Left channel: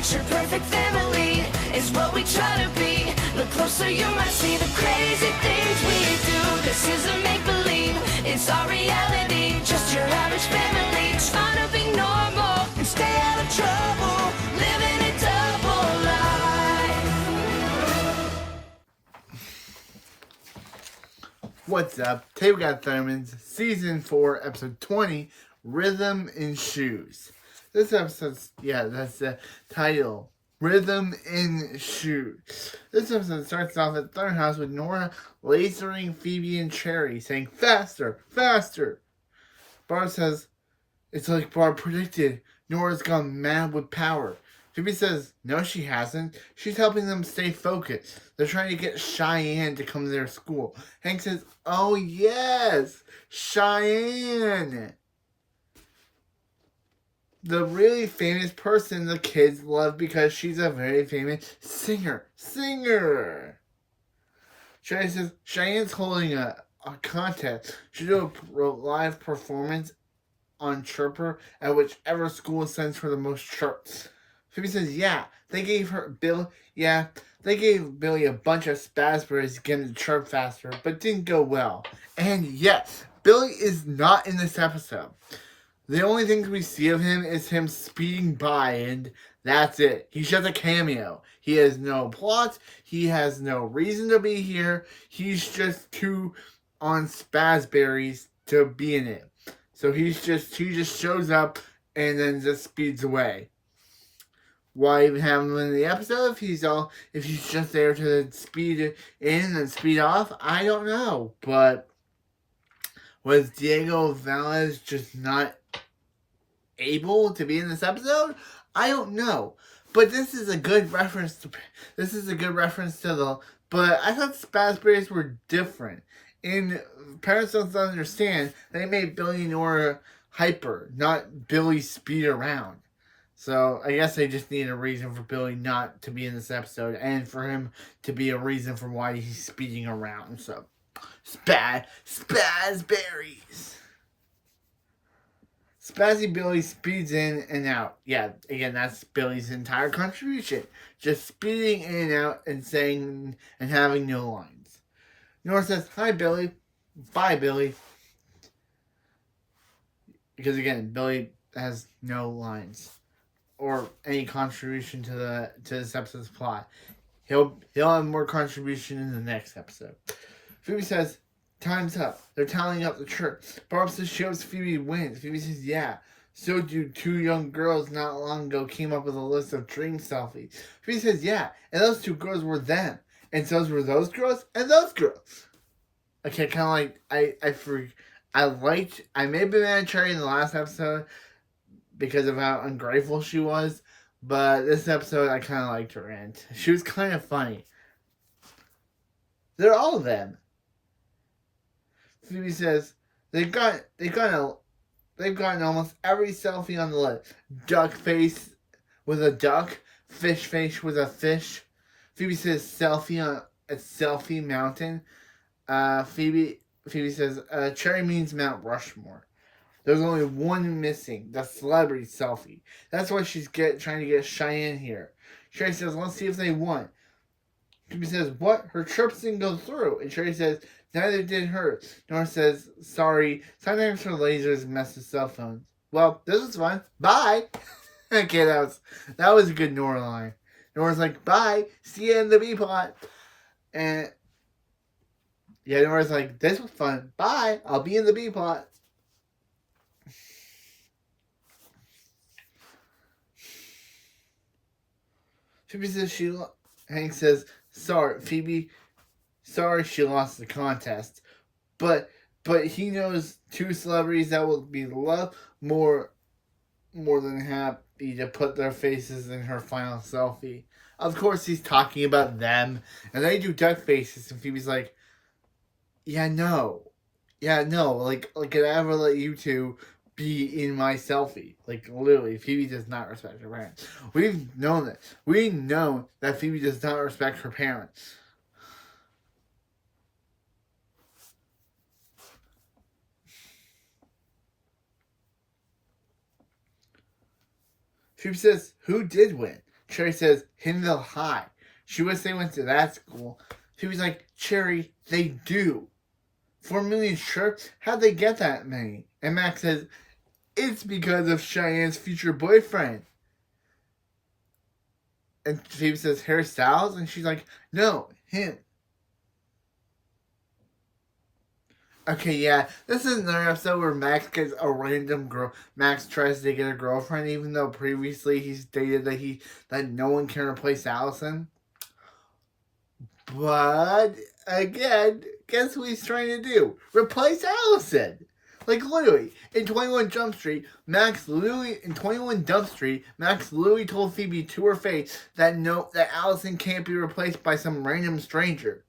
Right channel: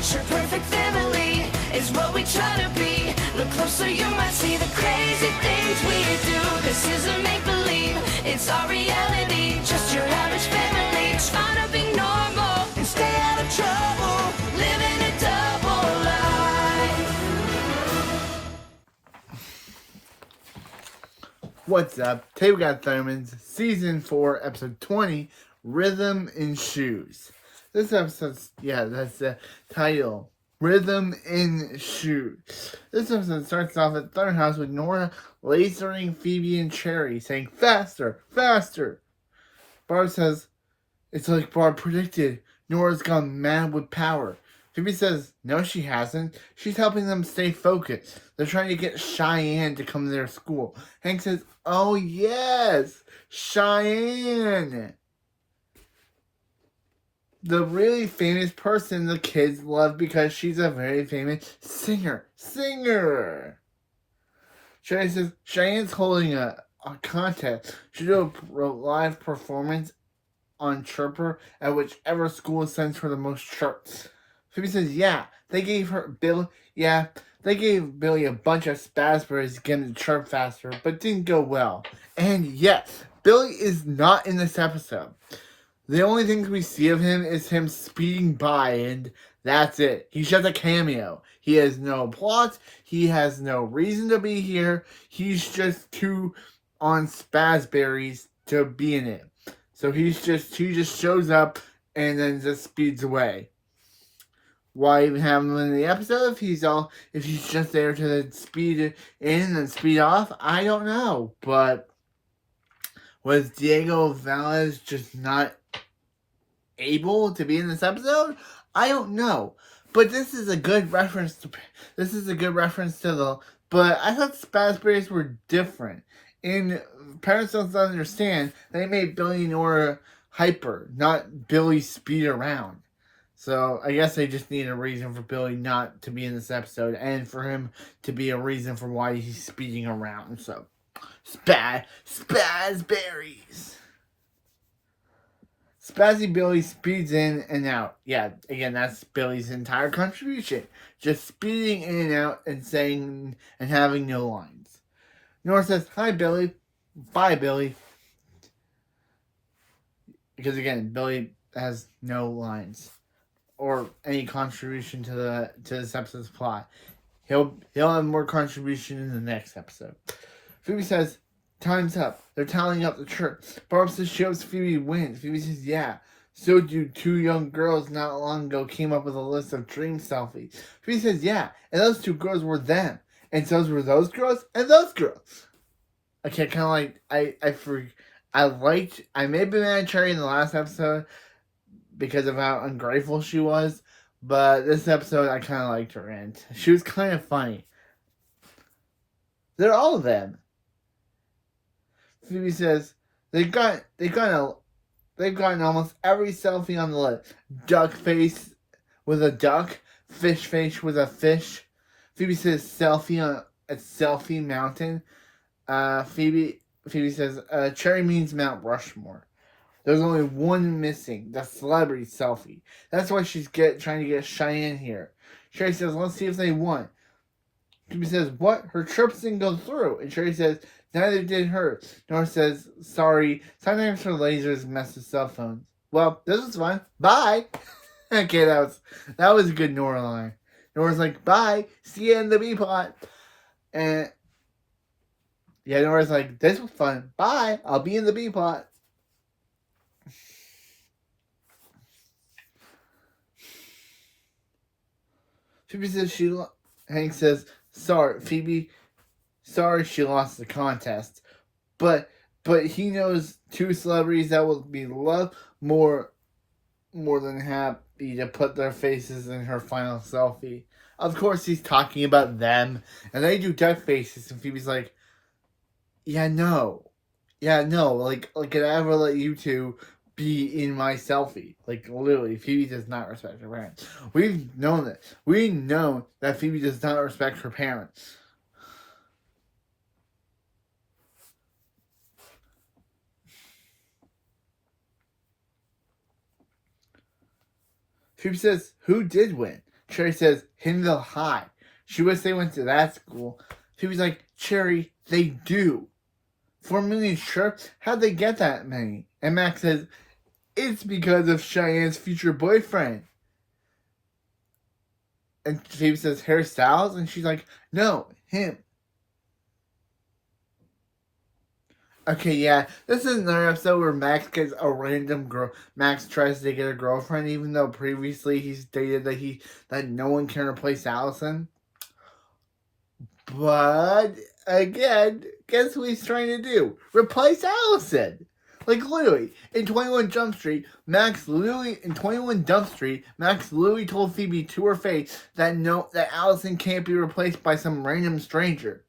Picture perfect family is what we try to be. Look closer, you might see the crazy things we do. This isn't make-believe, it's our reality. Just your average family trying to be normal and stay out of trouble, living a double life. What's up? Today we got Thurman's Season 4, Episode 20, Rhythm in Shoes. This episode's, that's the title, Rhythm in Shoes. This episode starts off at Thurman's house with Nora lasering Phoebe and Cherry, saying, faster, faster. Barb says, it's like Barb predicted. Nora's gone mad with power. Phoebe says, no, she hasn't. She's helping them stay focused. They're trying to get Cheyanne to come to their school. Hank says, oh, yes, Cheyanne. The really famous person the kids love because she's a very famous singer. Cherry says, Cheyenne's holding a contest. She'll do a live performance on Chirper at whichever school sends her the most chirps. Phoebe says, they gave Billy a bunch of spasberries to get him to chirp faster, but it didn't go well. And yes, Billy is not in this episode. The only things we see of him is him speeding by, and that's it. He's just a cameo. He has no plot. He has no reason to be here. He's just too on spasberries to be in it. So he just shows up and then just speeds away. Why even have him in the episode if he's just there to speed in and speed off? I don't know. But was Diego Velez just not able to be in this episode? I don't know. But this is a good reference to but I thought spasberries were different. In Parents Don't Understand, they made Billy and Nora hyper, not Billy speed around. So I guess they just need a reason for Billy not to be in this episode and for him to be a reason for why he's speeding around. So spasberries. Spazzy Billy speeds in and out. Yeah, again, that's Billy's entire contribution. Just speeding in and out and saying and having no lines. Nora says, hi, Billy. Bye, Billy. Because, again, Billy has no lines or any contribution to this episode's plot. He'll have more contribution in the next episode. Phoebe says, time's up. They're tallying up the chirp. Barb says she hopes Phoebe wins. Phoebe says, yeah. So do two young girls not long ago came up with a list of dream selfies. Phoebe says, yeah. And those two girls were them. And so were those girls and those girls. Okay, kind of like, I may have been mad at Cherry in the last episode because of how ungrateful she was. But this episode, I kind of liked her and she was kind of funny. They're all of them. Phoebe says they've gotten almost every selfie on the list. Duck face with a duck, fish face with a fish. Phoebe says selfie on a selfie mountain. Phoebe says Cherry means Mount Rushmore. There's only one missing, the celebrity selfie. That's why she's trying to get Cheyanne here. Cherry says, let's see if they won. Phoebe says, what? Her chirps didn't go through. And Cherry says, neither did hers. Nora says, sorry, sometimes her lasers mess with cell phones. Well, this is fun. Bye. Okay, that was a good Nora line. Nora's like, bye. See you in the B-plot. And yeah, Nora's like, this was fun. Bye. I'll be in the B-plot. Phoebe says Hank says, sorry, Phoebe. Sorry she lost the contest. But he knows two celebrities that will be loved more than happy to put their faces in her final selfie. Of course he's talking about them. And they do duck faces and Phoebe's like, yeah, no. Like could I ever let you two be in my selfie? Like literally, Phoebe does not respect her parents. We've known that. We know that Phoebe does not respect her parents. Phoebe says, who did win? Cherry says, Hinville High. She wishes they went to that school. Phoebe's like, Cherry, they do. 4 million shirts? How'd they get that many? And Max says, it's because of Cheyenne's future boyfriend. And Phoebe says, Harry Styles? And she's like, no, him. Okay, yeah, this is another episode where Max gets a random girl. Max tries to get a girlfriend, even though previously he stated that no one can replace Allison. But again, guess what he's trying to do? Replace Allison. Like literally, in 21 Jump Street, Max literally told Phoebe to her face that Allison can't be replaced by some random stranger.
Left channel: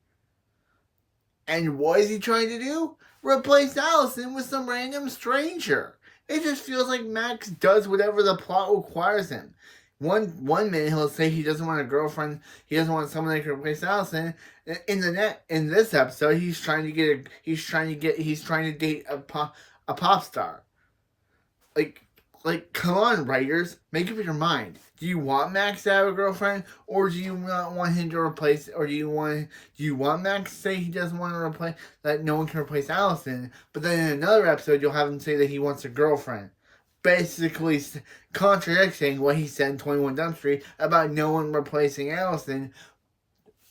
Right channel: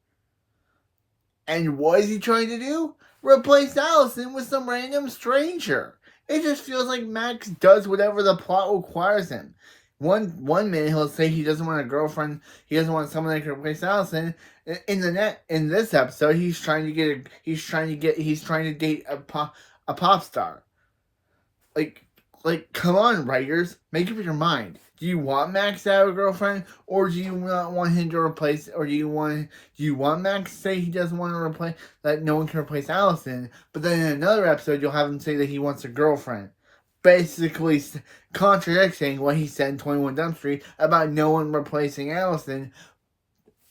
And what is he trying to do? Replace Allison with some random stranger. It just feels like Max does whatever the plot requires him. One minute he'll say he doesn't want a girlfriend, he doesn't want someone that can replace Allison. In this episode, he's trying to date a pop star. Like, come on, writers, make up your mind. Do you want Max to have a girlfriend, or do you not want him to replace? Or do you want Max to say he doesn't want to replace, that no one can replace Allison? But then in another episode, you'll have him say that he wants a girlfriend, basically contradicting what he said in 21 Jump Street about no one replacing Allison.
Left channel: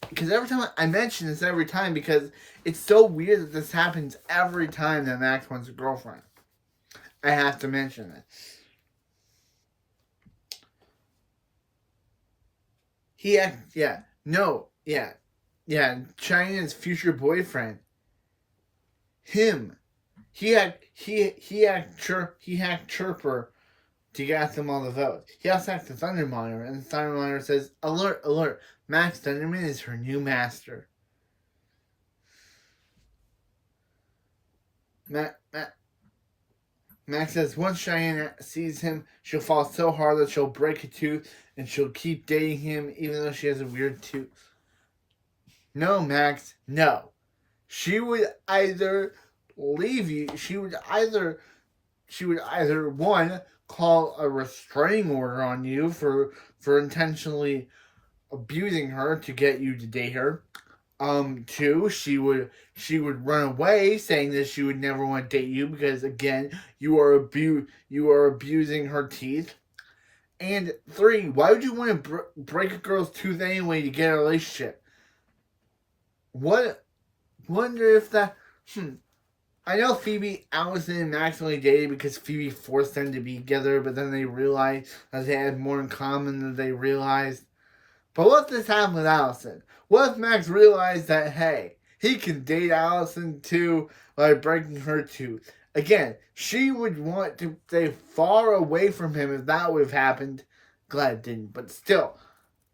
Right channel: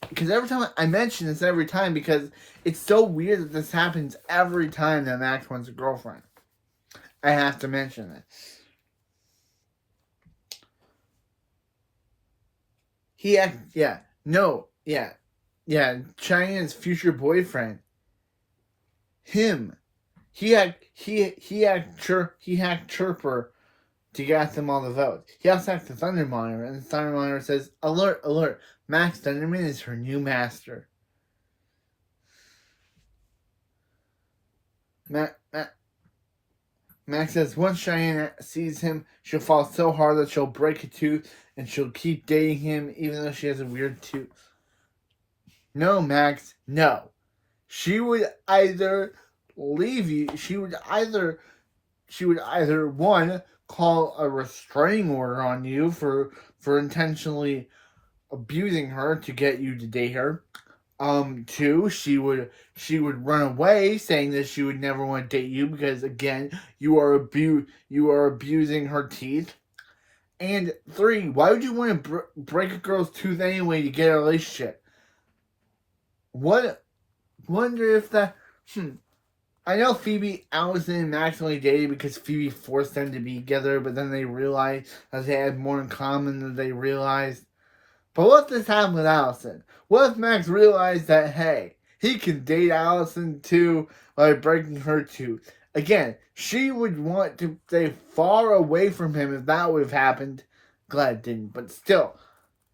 Because every time I mention this because it's so weird that this happens every time that Max wants a girlfriend. I have to mention it. Cheyenne's future boyfriend. Him. He hacked Chirper to get them all the votes. He also hacked the Thunder Monitor, and the Thunder Monitor says, alert, alert, Max Thunderman is her new master. Max says, once Cheyanne sees him, she'll fall so hard that she'll break a tooth, and she'll keep dating him even though she has a weird tooth. No, Max, no. She would either leave you, she would either one, call a restraining order on you for intentionally abusing her to get you to date her. Two, she would run away, saying that she would never want to date you because, again, you are abusing her teeth. And three, why would you want to break a girl's tooth anyway to get a relationship? Wonder if that. I know Phoebe, Allison, and Max only dated because Phoebe forced them to be together, but then they realized that they had more in common than they realized. But what if this happened with Allison? What if Max realized that, hey, he can date Allison too by breaking her tooth? Again, she would want to stay far away from him if that would have happened. Glad it didn't, but still,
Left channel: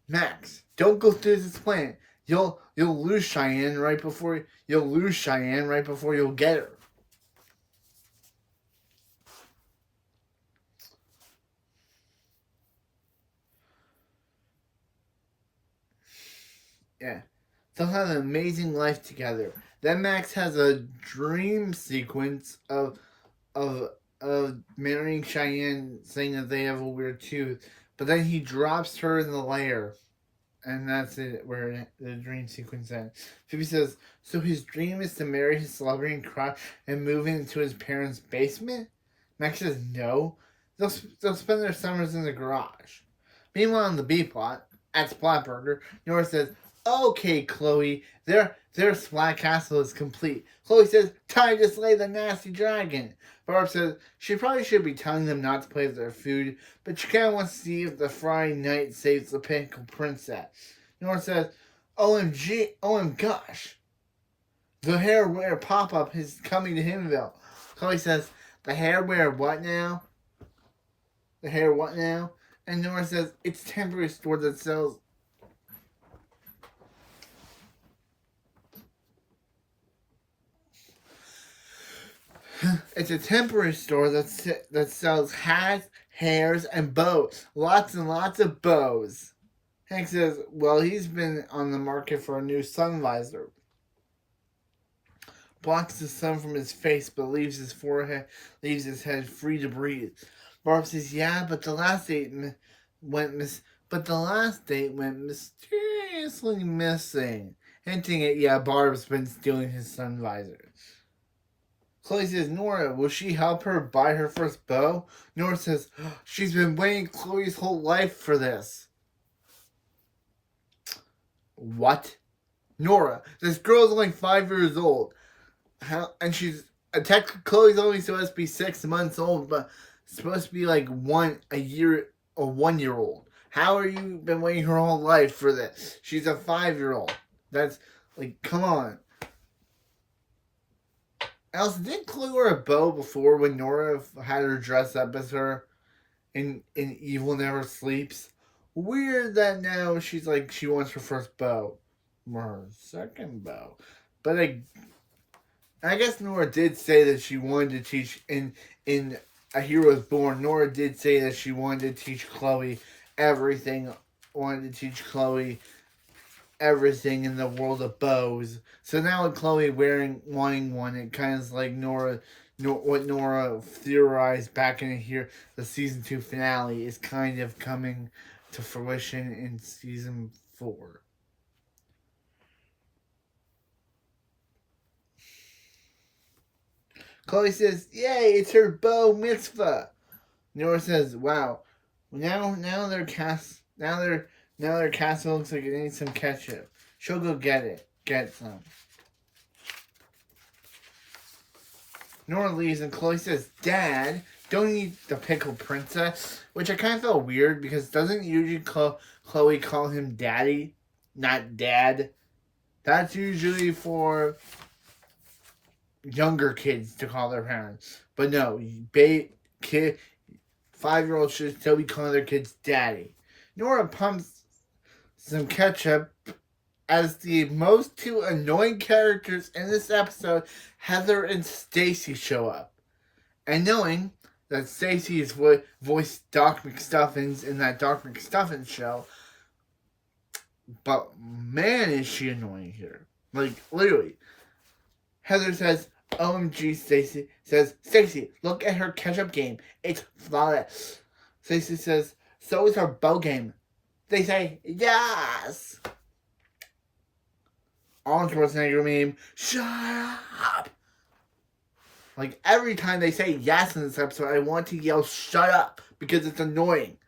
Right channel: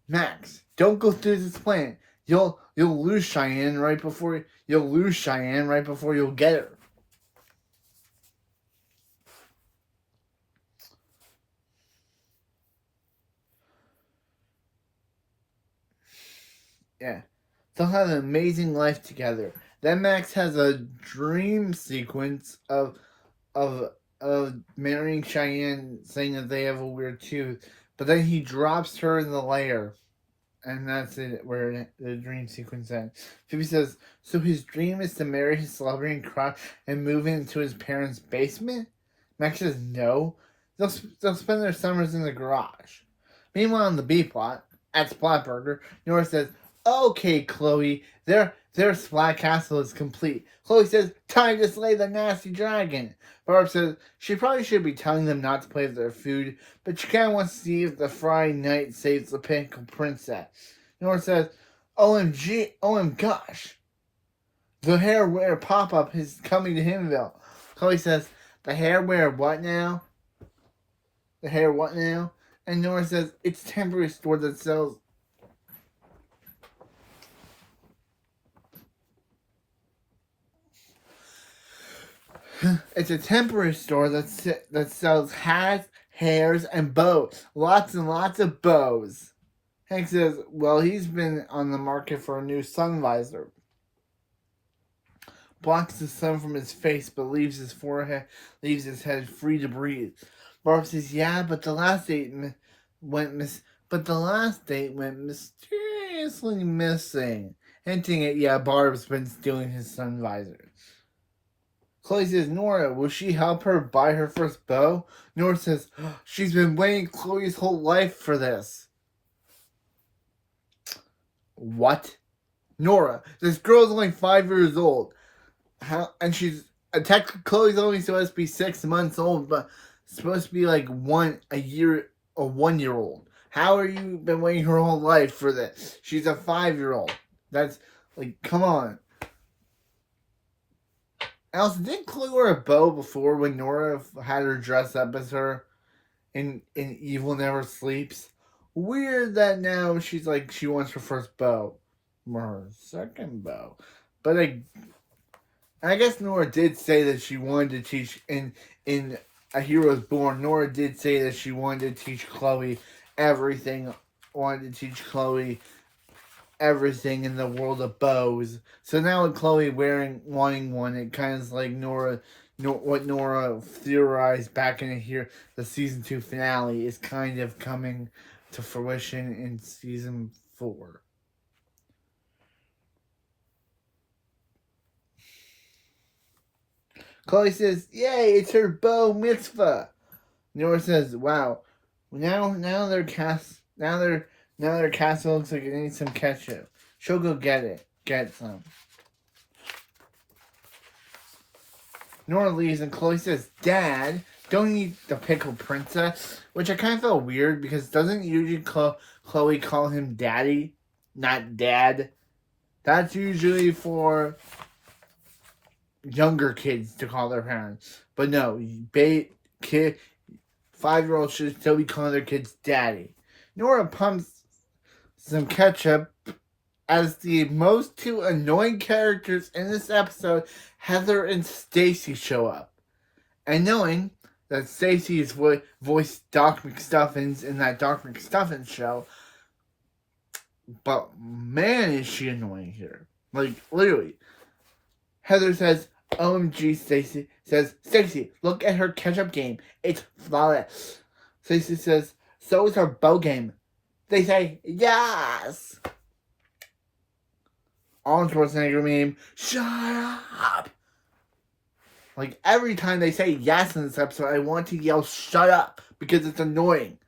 Max, don't go through this plan. You'll lose Cheyanne right before you'll get her. Yeah. They'll have an amazing life together. Then Max has a dream sequence of marrying Cheyanne, saying that they have a weird tooth. But then he drops her in the lair. And that's it, where the dream sequence ends. Phoebe says, so his dream is to marry his celebrity crush and move into his parents' basement? Max says no. They'll spend their summers in the garage. Meanwhile, on the B plot, at Splatburger, Nora says, okay, Chloe, their Splat Castle is complete. Chloe says, time to slay the nasty dragon. Barb says she probably should be telling them not to play with their food, but she kind of wants to see if the Friday night saves the pinnacle princess. Nora says, gosh, the hairwear pop-up is coming to Hinville. Chloe says, the hairwear what now? The hair what now? And Nora says, it's a temporary store that sells... It's a temporary store that sells hats, hairs, and bows. Lots and lots of bows. Hank says, well, he's been on the market for a new sun visor. Blocks the sun from his face, but leaves his head free to breathe. Barb says, yeah, but the last date went But the last date went mysteriously missing, hinting at, Barb's been stealing his sun visors. Chloe says, Nora, will she help her buy her first bow? Nora says, she's been waiting Chloe's whole life for this. What? Nora, this girl's only 5 years old. And she's, Chloe's only supposed to be 6 months old, but supposed to be like 1 year old. How are you been waiting her whole life for this? She's a 5-year-old. That's, like, come on. Else, did Chloe wear a bow before when Nora had her dress up as her in Evil Never Sleeps? Weird that now she's like, she wants her first bow. Or her second bow. But I guess Nora did say that she wanted to teach in A Hero's Born. Nora did say that she wanted to teach Chloe everything. Wanted to teach Chloe everything in the world of bows. So now with Chloe wanting one, it kind of is like what Nora theorized back in here, the season 2 finale is kind of coming to fruition in season 4. Chloe says, "Yay, it's her bow mitzvah." Nora says, "Wow, now their castle looks like it needs some ketchup. She'll go get some." Nora leaves and Chloe says, "Dad, don't eat the pickled princess," which I kind of felt weird because doesn't usually Chloe call him daddy, not dad? That's usually for younger kids to call their parents. But no, 5-year-olds should still be calling their kids daddy. Nora pumps some ketchup as the most 2 annoying characters in this episode, Heather and Stacy, show up. And knowing that Stacy is voiced Doc McStuffins in that Doc McStuffins show, but man is she annoying here. Like, literally. Heather says, "OMG, Stacy." Says, "Stacy, look at her catch-up game. It's flawless." Stacy says, "So is her bow game." They say, "Yes." Arnold Schwarzenegger meme, "Shut up." Like, every time they say yes in this episode, I want to yell, "Shut up," because it's annoying.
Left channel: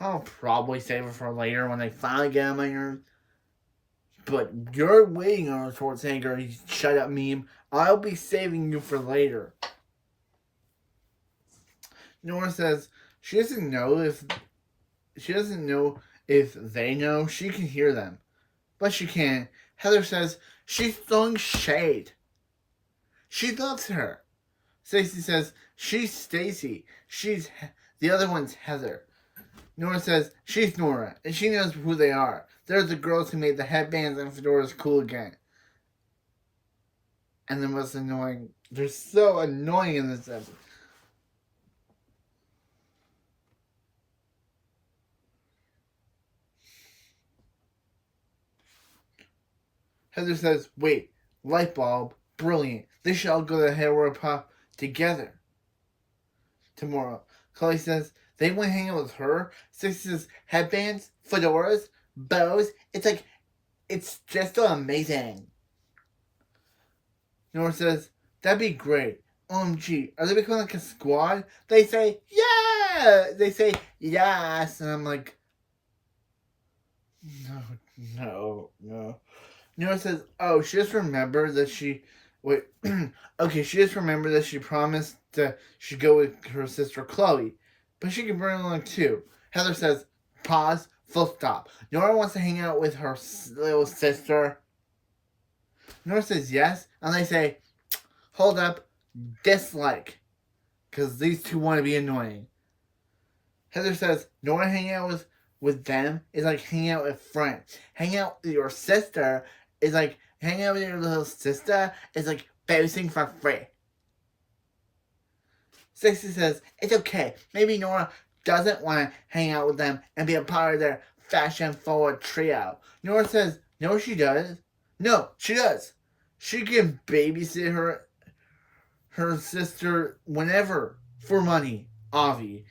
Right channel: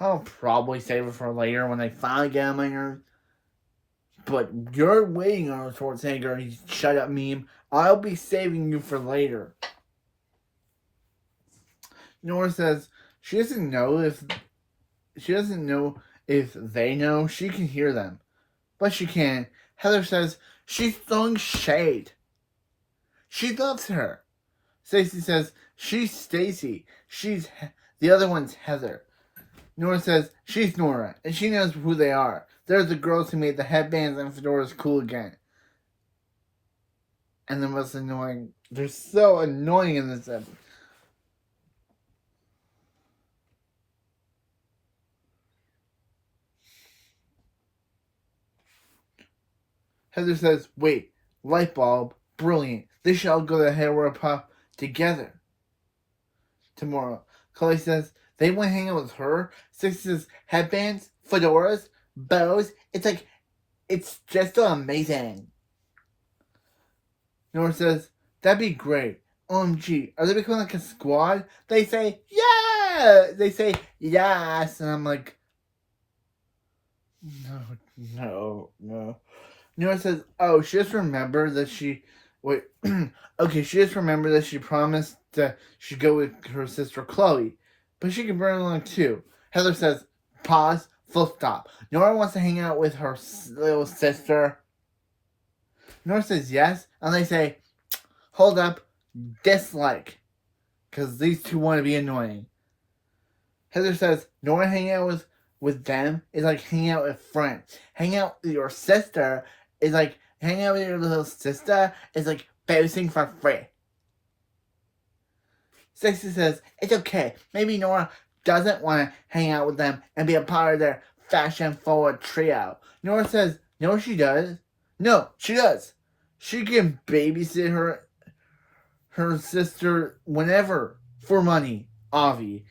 I'll probably save it for later when I finally get on my nerves. But you're waiting on a Schwarzenegger "shut up" meme. I'll be saving you for later. Nora says she doesn't know if they know. She can hear them, but she can't. Heather says she's throwing shade. She loves her. Stacy says she's Stacy. The other one's Heather. Nora says she's Nora, and she knows who they are. They're the girls who made the headbands and fedoras cool again. And the most annoying. They're so annoying in this episode. Heather says, "Wait, light bulb, brilliant. They should all go to the hairwear pop together tomorrow." Chloe says, "They want to hang out with her." Stacy says, "Headbands, fedoras, bows. It's just so amazing." Nora says, "That'd be great. OMG, are they becoming like a squad?" They say, "Yeah." They say, "Yes." And I'm like, no. Nora says, "Oh, she just remembered that she promised that she'd go with her sister Chloe, but she can bring along too." Heather says, "Pause, full stop. Nora wants to hang out with her little sister." Nora says yes, and they say, "Hold up, dislike," because these two want to be annoying. Heather says, "Nora hanging out with them is like hanging out with friends. Hanging out with your sister is like hanging out with your little sister is like babysitting for free." Stacy says, "It's okay. Maybe Nora doesn't want to hang out with them and be a part of their fashion-forward trio." Nora says, "No, she does. No, she does. She can babysit her sister whenever for money, Avi."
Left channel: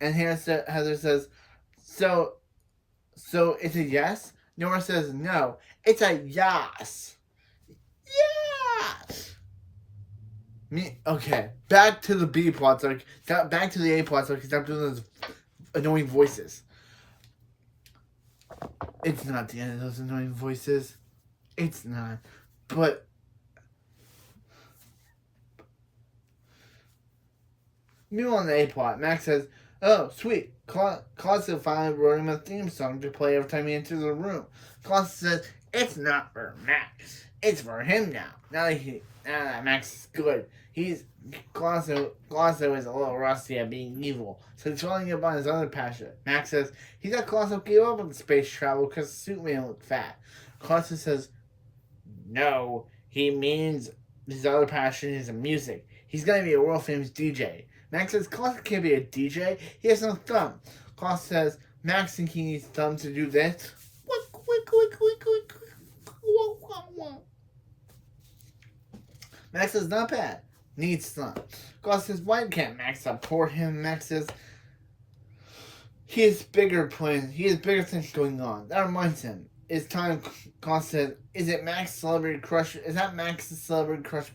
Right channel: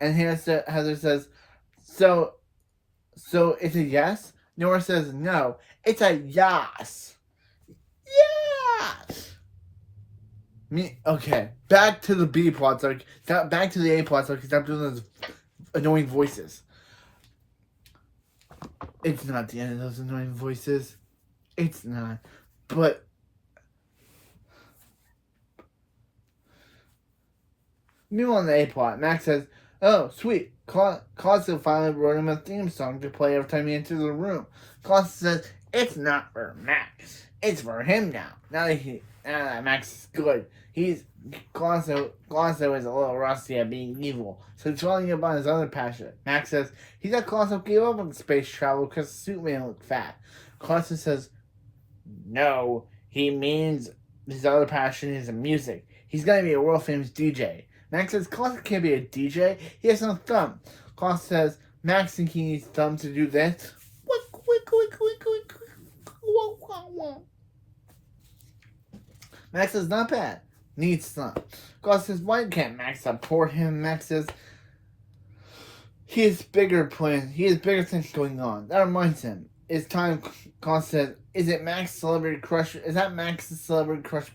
And Heather says, So it's a yes? Nora says no. It's a yes. Yes! Okay, back to the B plot. Back to the A plot. So I can stop doing those annoying voices. It's not the end of those annoying voices. It's not. But meanwhile on the A plot, Max says, "Oh, sweet. Closet finally wrote him a theme song to play every time he enters the room." Closet says, "It's not for Max. It's for him now. Now that Max is good. Closet is a little rusty at being evil, so he's falling about his other passion." Max says, "He thought Closet gave up on space travel because the suit made him look fat." Closet says, "No, he means his other passion is music. He's gonna be a world famous DJ." Max says, "Closet can't be a DJ. He has no thumb." Closet says, "Max thinks he needs thumb to do this." Max says, "Not bad. Needs thumb." Closet says, "Why can't Max support him?" Max says, he has bigger plans. He has bigger things going on. That reminds him. It's time." Closet says, "Is it Max's celebrity crush? Is that Max's celebrity crush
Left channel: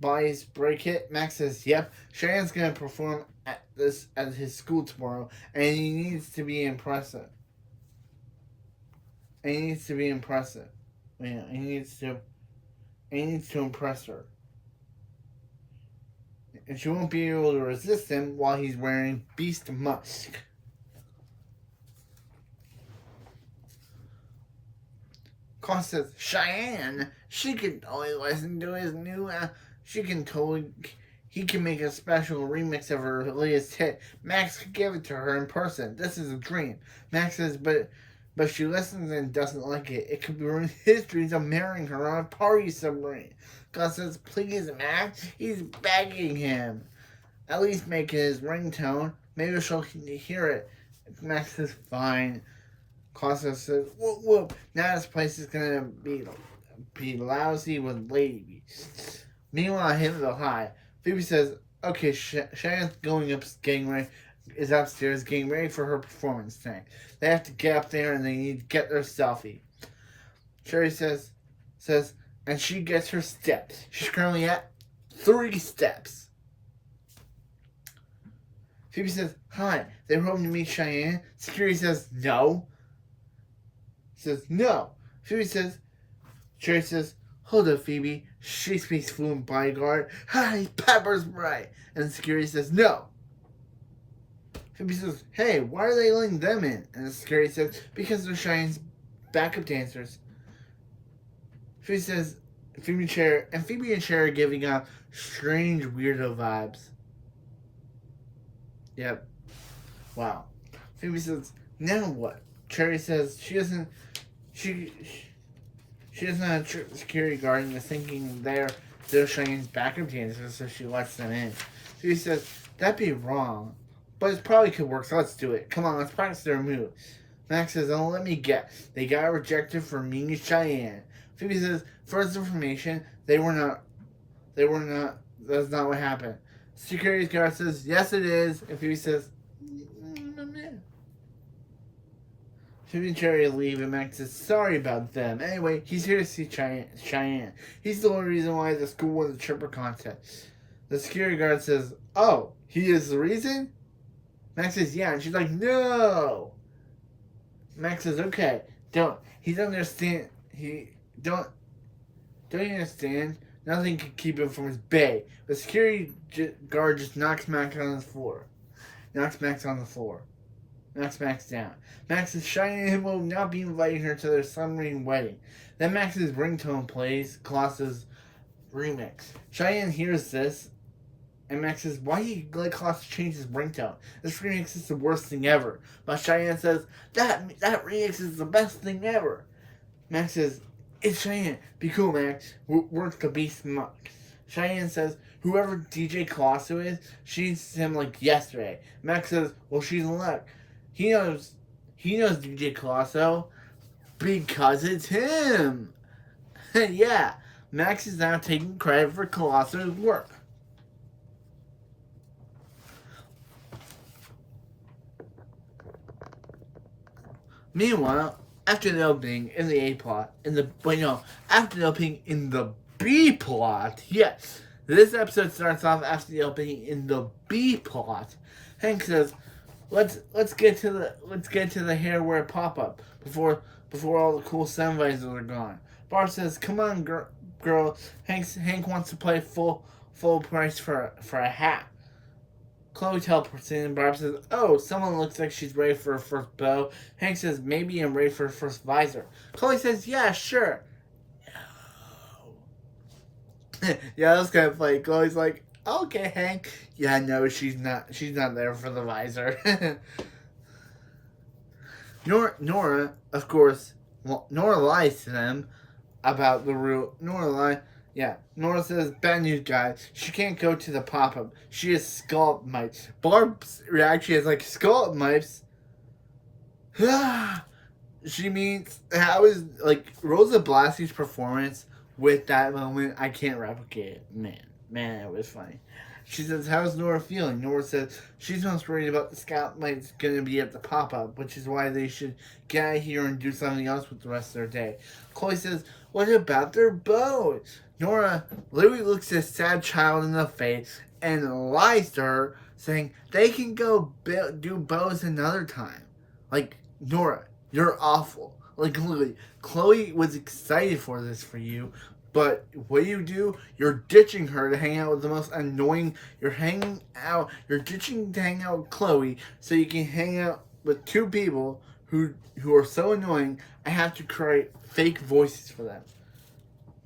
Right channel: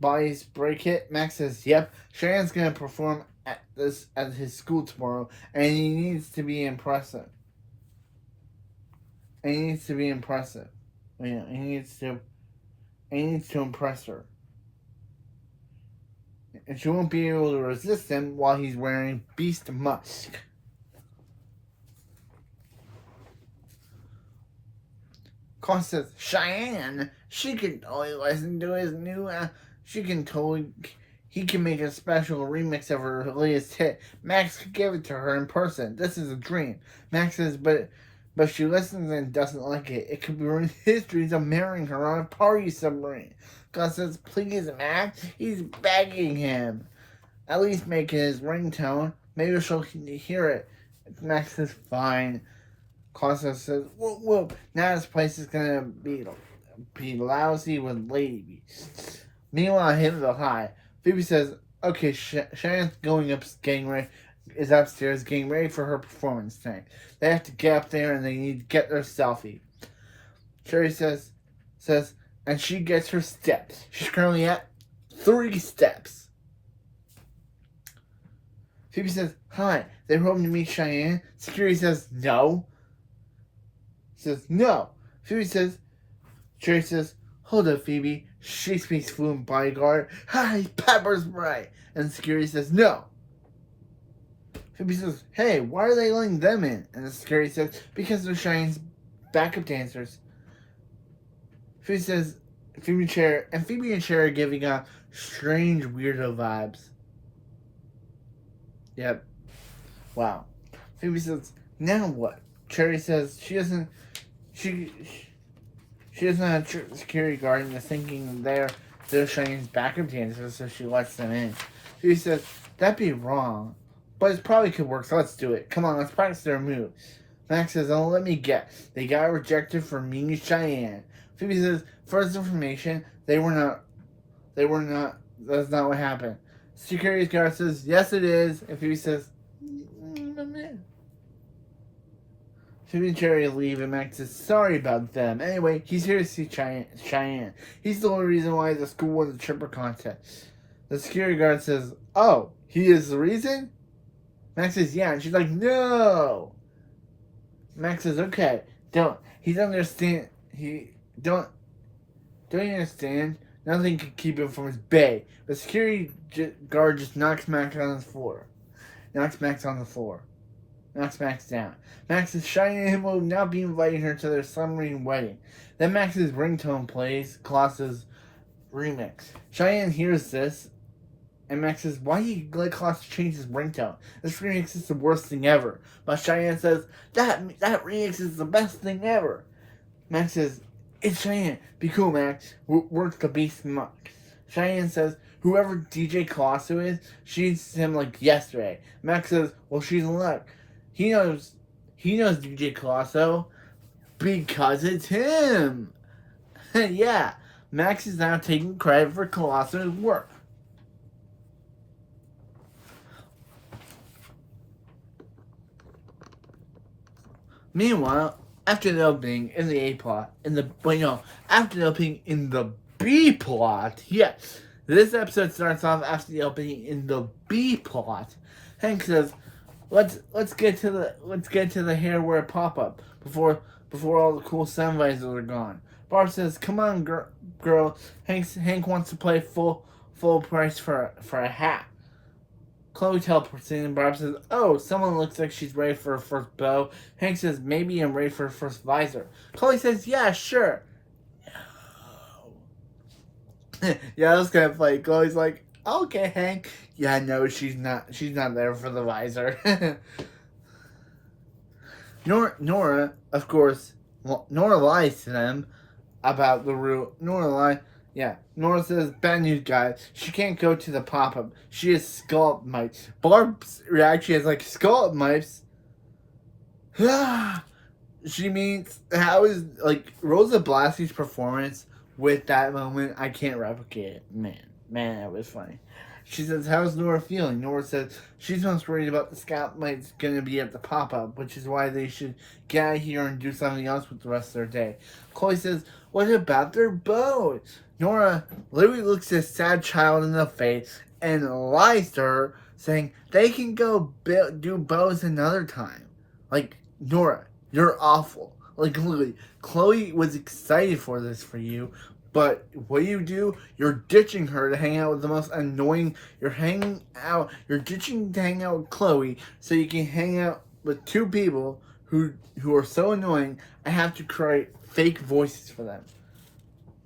Body's break it?" Max says, "Yep. Cheyanne's gonna perform at his school tomorrow, and he needs to be impressive. Yeah, he needs to impress her. And she won't be able to resist him while he's wearing Beast Musk." Cost says, "Cheyanne, she can totally listen to his new, he can make a special remix of her latest hit. Max could give it to her in person. This is a dream." Max says, but she listens and doesn't like it. It could ruin his dreams of marrying her on a party submarine. Cost says, "Please, Max, he's begging him. At least make it his ringtone. Maybe she'll hear it." Max says, "Fine." Costa says, "Whoop whoop. Now this place is gonna be lousy with ladies." Meanwhile, hit the high. Phoebe says, "Okay, Cheyanne's is upstairs getting ready for her performance tonight. They have to get up there and they need to get their selfie." Sherry says, and she gets her steps. She's currently at 3 steps. Phoebe says, "Hi, they're hoping to meet Cheyanne." Security says, "No." Says, "No." Sherry says, "Hold up, Phoebe. She speaks fluent bodyguard. Hi, Pepper's right." And security says, "No." Phoebe says, "Hey, why are they letting them in?" And the security says, "Because they're Cheyenne's backup dancers." Phoebe and Cherry are giving out strange weirdo vibes. Yep. Wow. Phoebe says, "Now what?" Cherry says she doesn't have security guard and is thinking they're Cheyenne's backup dancers, so she lets them in. Phoebe says, "That'd be wrong, but it probably could work, so let's do it. Come on, let's practice their move." Max says, "Oh, let me guess. They got rejected for meeting Cheyanne." Phoebe says, "For his information, that's not what happened." Security guard says, "Yes, it is." And Phoebe says, Phoebe and Cherry leave, and Max says, "Sorry about them. Anyway, he's here to see Cheyanne. He's the only reason why the school won the tripper contest." The security guard says, "Oh, he is the reason?" Max says, "Yeah," and she's like, "No." Max says, "Okay, don't you understand? Don't you understand? Nothing can keep him from his bay." The security guard just knocks Max on the floor. Max down. Max says Cheyanne and him will not be inviting her to their submarine wedding. Then Max's ringtone plays Colossus' remix. Cheyanne hears this, and Max says, "Why do you let Colossus change his ringtone? This remix is the worst thing ever." But Cheyanne says, that remix is the best thing ever." Max says, "It's Cheyanne. Be cool, Max. Work the Beast Muck." Cheyanne says, "Whoever DJ Colossus is, she's him like yesterday." Max says, "Well, she's in luck. He knows DJ Colossus because it's him." Yeah, Max is now taking credit for Colossus' work. Meanwhile, after the opening in the A plot, after the opening in the B plot, yes. This episode starts off after the opening in the B plot. Hank says, let's get to the hairwear pop up before all the cool sun visors are gone. Barb says, "Come on, girl. Hank wants to play full price for a hat." Chloe teleports in and Barb says, "Oh, someone looks like she's ready for her first bow." Hank says, "Maybe I'm ready for her first visor." Chloe says, "Yeah, sure." Yeah, that's kind of funny. Chloe's like, "Okay, Hank." Yeah, no, she's not there for the visor. Nora, of course, Nora lies to them about the rule. Nora says, "Bad news, guys. She can't go to the pop-up. She has scallop mites." Barb's reaction is like, "Scallop mites?" She means, how is, like, Rosa Blassi's performance with that moment, I can't replicate it. Man, that was funny. She says, "How's Nora feeling?" Nora says, "She's most worried about the scalp mites going to be at the pop-up, which is why they should get out of here and do something else with the rest of their day." Chloe says, "What about their bows?" Nora literally looks a sad child in the face and lies to her, saying they can go do bows another time. Like, Nora, you're awful. Like, literally, Chloe was excited for this for you, but what do? You're ditching her to hang out with the most annoying. You're ditching to hang out with Chloe so you can hang out with two people who are so annoying. I have to create fake voices for them.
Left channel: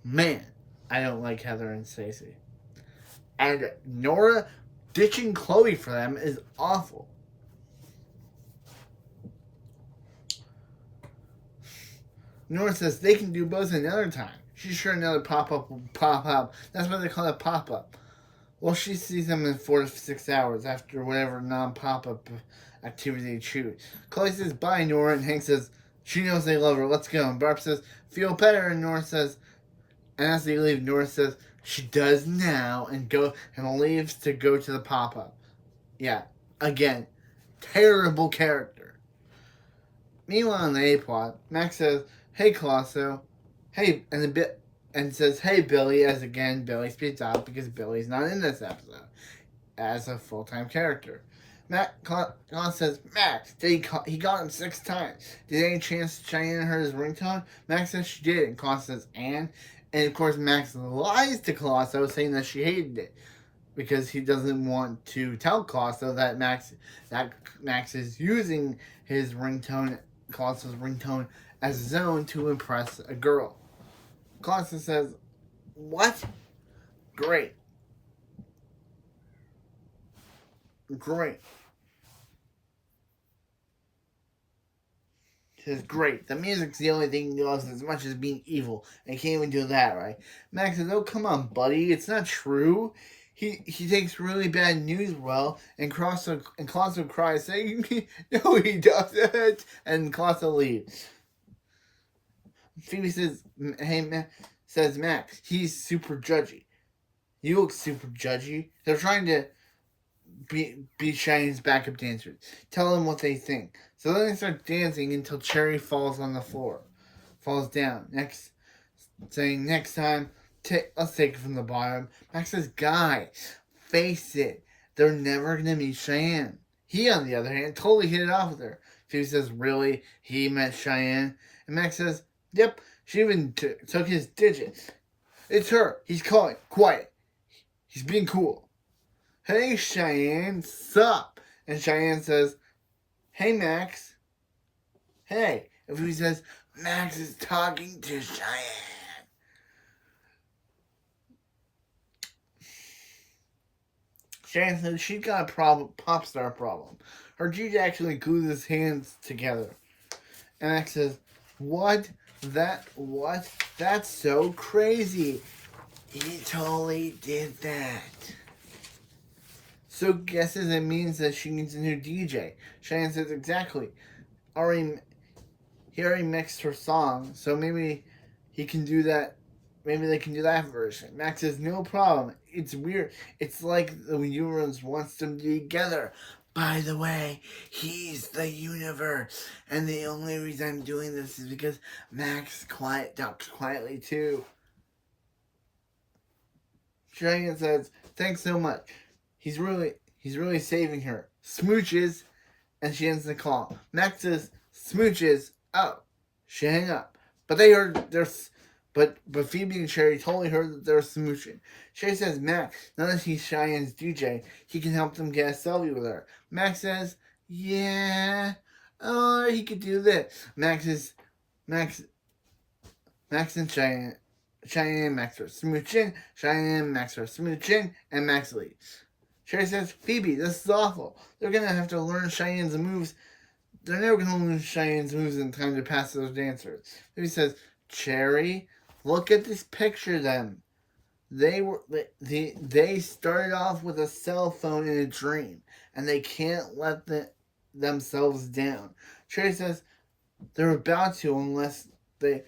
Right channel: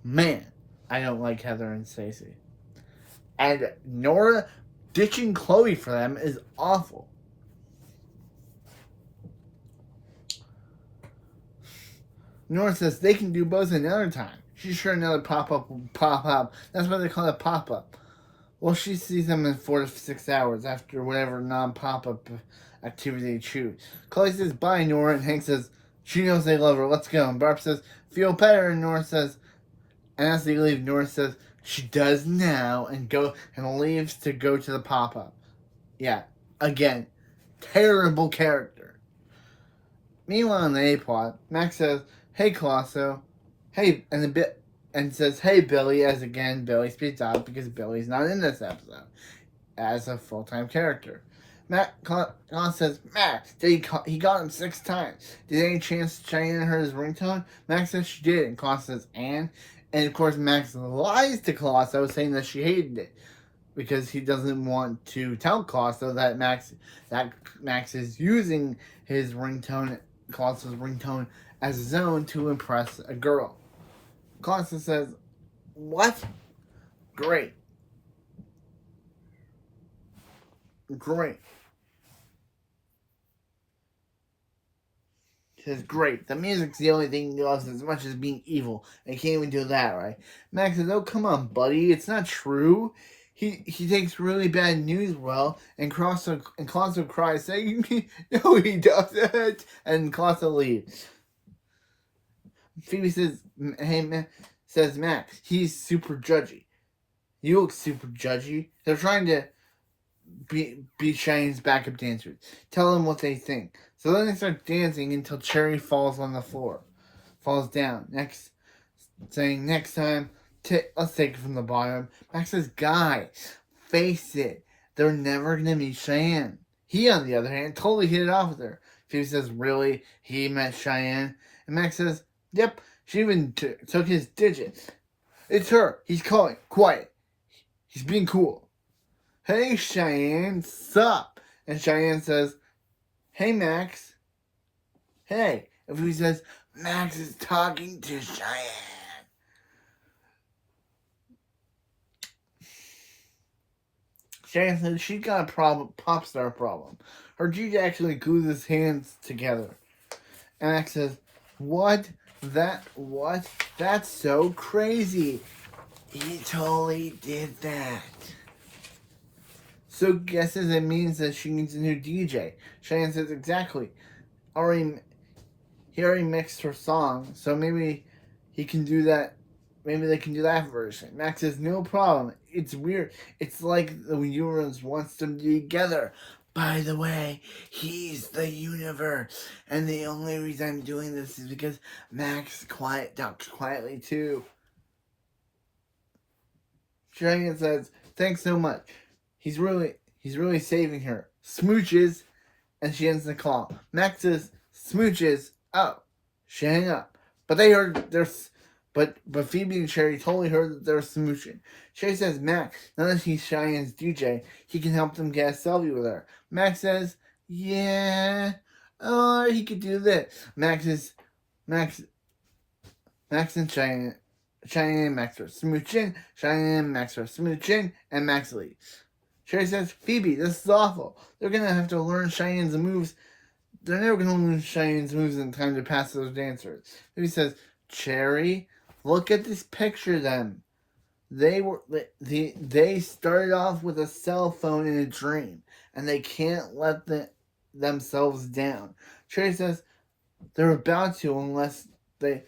Man, I don't like Heather and Stacey. And Nora ditching Chloe for them is awful. Nora says they can do both another time. She's sure another pop-up will pop up. That's why they call it pop-up. Well, she sees them in 4 to 6 hours after whatever non-pop-up activity they choose. Chloe says, "Bye, Nora," and Hank says, "She knows they love her. Let's go." And Barb says, "Feel better," and Nora says, and as they leave, Nora says, "She does now," and leaves to go to the pop-up. Yeah, again, terrible character. Meanwhile, in the A plot, Max says, "Hey, Colosso," hey, and says, "Hey, Billy," as again Billy speaks out because Billy's not in this episode as a full-time character. Colosso says, "Max, he got him 6 times. Did any chance Cheyanne heard his ringtone?" Max says she did, and Colosso says, and of course Max lies to Colosso, saying that she hated it because he doesn't want to tell Colosso that Max is using his ringtone, Colosso's ringtone, as his own to impress a girl. Colosso says, "What? Great. He says, "Great. The music's the only thing he loves as much as being evil. And he can't even do that, right?" Max says, "Oh, come on, buddy. It's not true. He takes really bad news well." And Colosso cries, saying, "No, he doesn't." And Colosso leaves. Phoebe says, says Max, "He's super judgy." "You look super judgy." They're trying to be Cheyenne's backup dancers. Tell them what they think. So then they start dancing until Cherry falls on the floor. Falls down. Saying, "Next time, let's take it from the bottom." Max says, "Guy, face it. They're never going to meet Cheyanne." He, on the other hand, totally hit it off with her. Phoebe says, "Really? He met Cheyanne?" And Max says, "Yep. She even took his digits. It's her. He's calling. Quiet. He's being cool." "Hey, Cheyanne, sup?" And Cheyanne says, "Hey, Max." "Hey." And he says, "Max is talking to Cheyanne." Cheyanne says she's got a pop star problem. Her DJ actually glues his hands together. And Max says, What? That's so crazy. He totally did that." So guesses it means that she needs a new DJ. Cheyanne says, "Exactly. He already mixed her song, so maybe he can do that. Maybe they can do that version." Max says, "No problem. It's weird. It's like the universe wants them together. by the way, he's the universe. And the only reason I'm doing this is because Max talks quietly too. Cheyenne says, thanks so much. He's really saving her. Smooches, and she ends the call. Max says, smooches. Oh, she hang up. But they heard but Phoebe and Sherry totally heard that they're smooching. Sherry says, Max, now that he's Cheyenne's DJ, he can help them get a selfie with her. Max says, yeah, or he could do this. Max and Cheyenne and Max are smooching. Cheyenne and Max are smooching, and Max leaves. Sherry says, Phoebe, this is awful. They're gonna have to learn Cheyenne's moves. They're never gonna learn Cheyenne's moves in time to pass those dancers. Phoebe says, Cherry, look at this picture of them. They started off with a cell phone in a dream, and they can't let themselves down. Cherry says they're about to unless they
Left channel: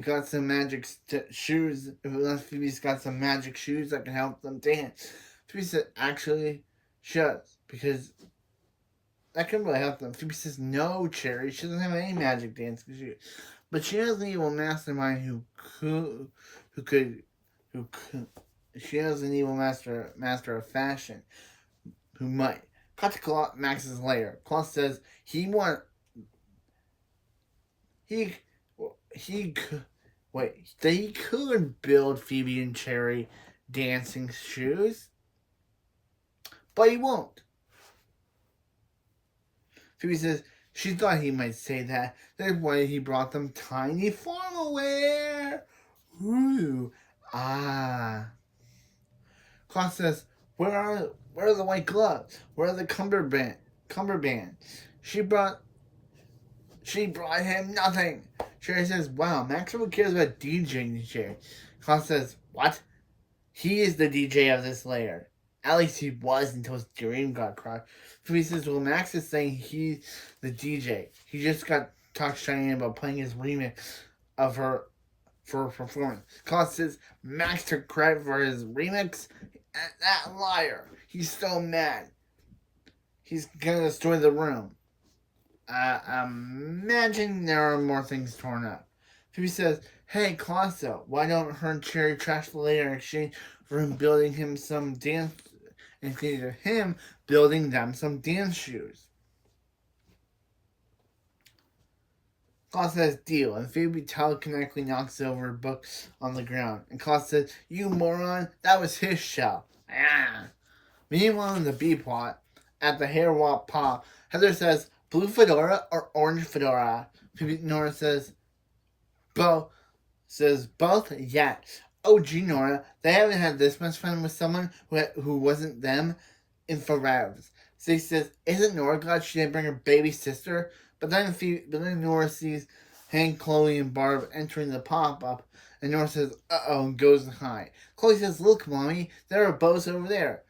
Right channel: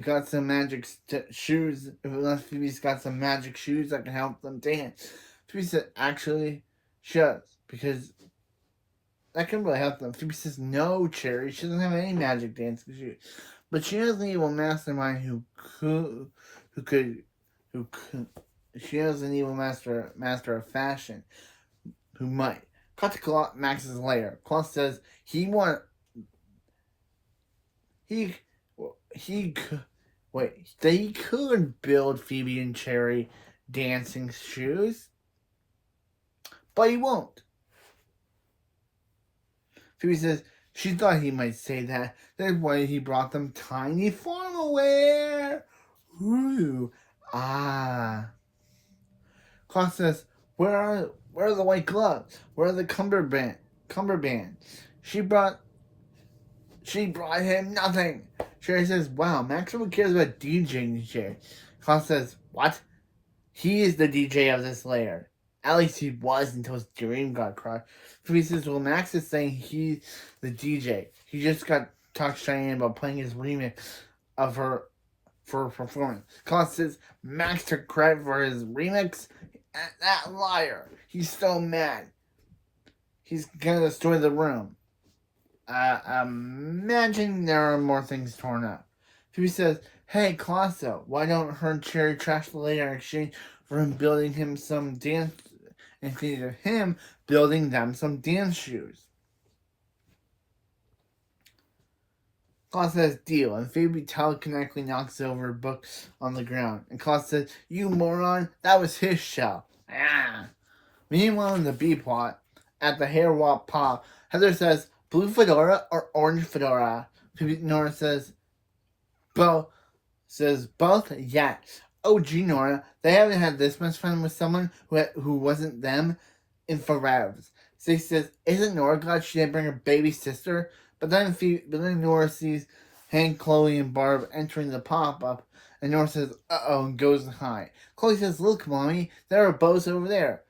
got some magic shoes. Unless Phoebe's got some magic shoes that can help them dance. Phoebe said, actually, she does, because that can really help them. Phoebe says, no, Cherry, she doesn't have any magic dancing shoes. But she has an evil mastermind who could. She has an evil master of fashion who might. Cut to Max's lair. Claus says they could build Phoebe and Cherry dancing shoes, but he won't. Phoebe says she thought he might say that. That's why he brought them tiny formal wear. Ooh, ah. Claus says, where are the white gloves? Where are the cummerband? She brought him nothing. Sherry says, wow, Max really cares about DJing Sherry. Claus says, what? He is the DJ of this lair. At least he was until his dream got crushed. Phoebe says, well, Max is saying he's the DJ. He just got talked to Cheyenne about playing his remix of her for performance. Claus says, Max took credit for his remix. That liar. He's so mad. He's gonna destroy the room. Imagine there are more things torn up. Phoebe says, hey, Clauso, why don't her and Cherry trash the later in exchange for him building him some dance, in exchange of him building them some dance shoes? Claus says, deal, and Phoebe telekinetically knocks over a book on the ground. And Claus says, you moron, that was his show. Ah. Meanwhile, in the B plot, at the hair walk pop, Heather says, blue fedora or orange fedora? Phoebe Nora says, both. Yes. Oh, gee, Nora, they haven't had this much fun with someone who wasn't them in forever. So he says, isn't Nora glad she didn't bring her baby sister? But then Nora sees Hank, Chloe, and Barb entering the pop-up, and Nora says, uh-oh, and goes to hide. Chloe says, look, Mommy, there are boats over there.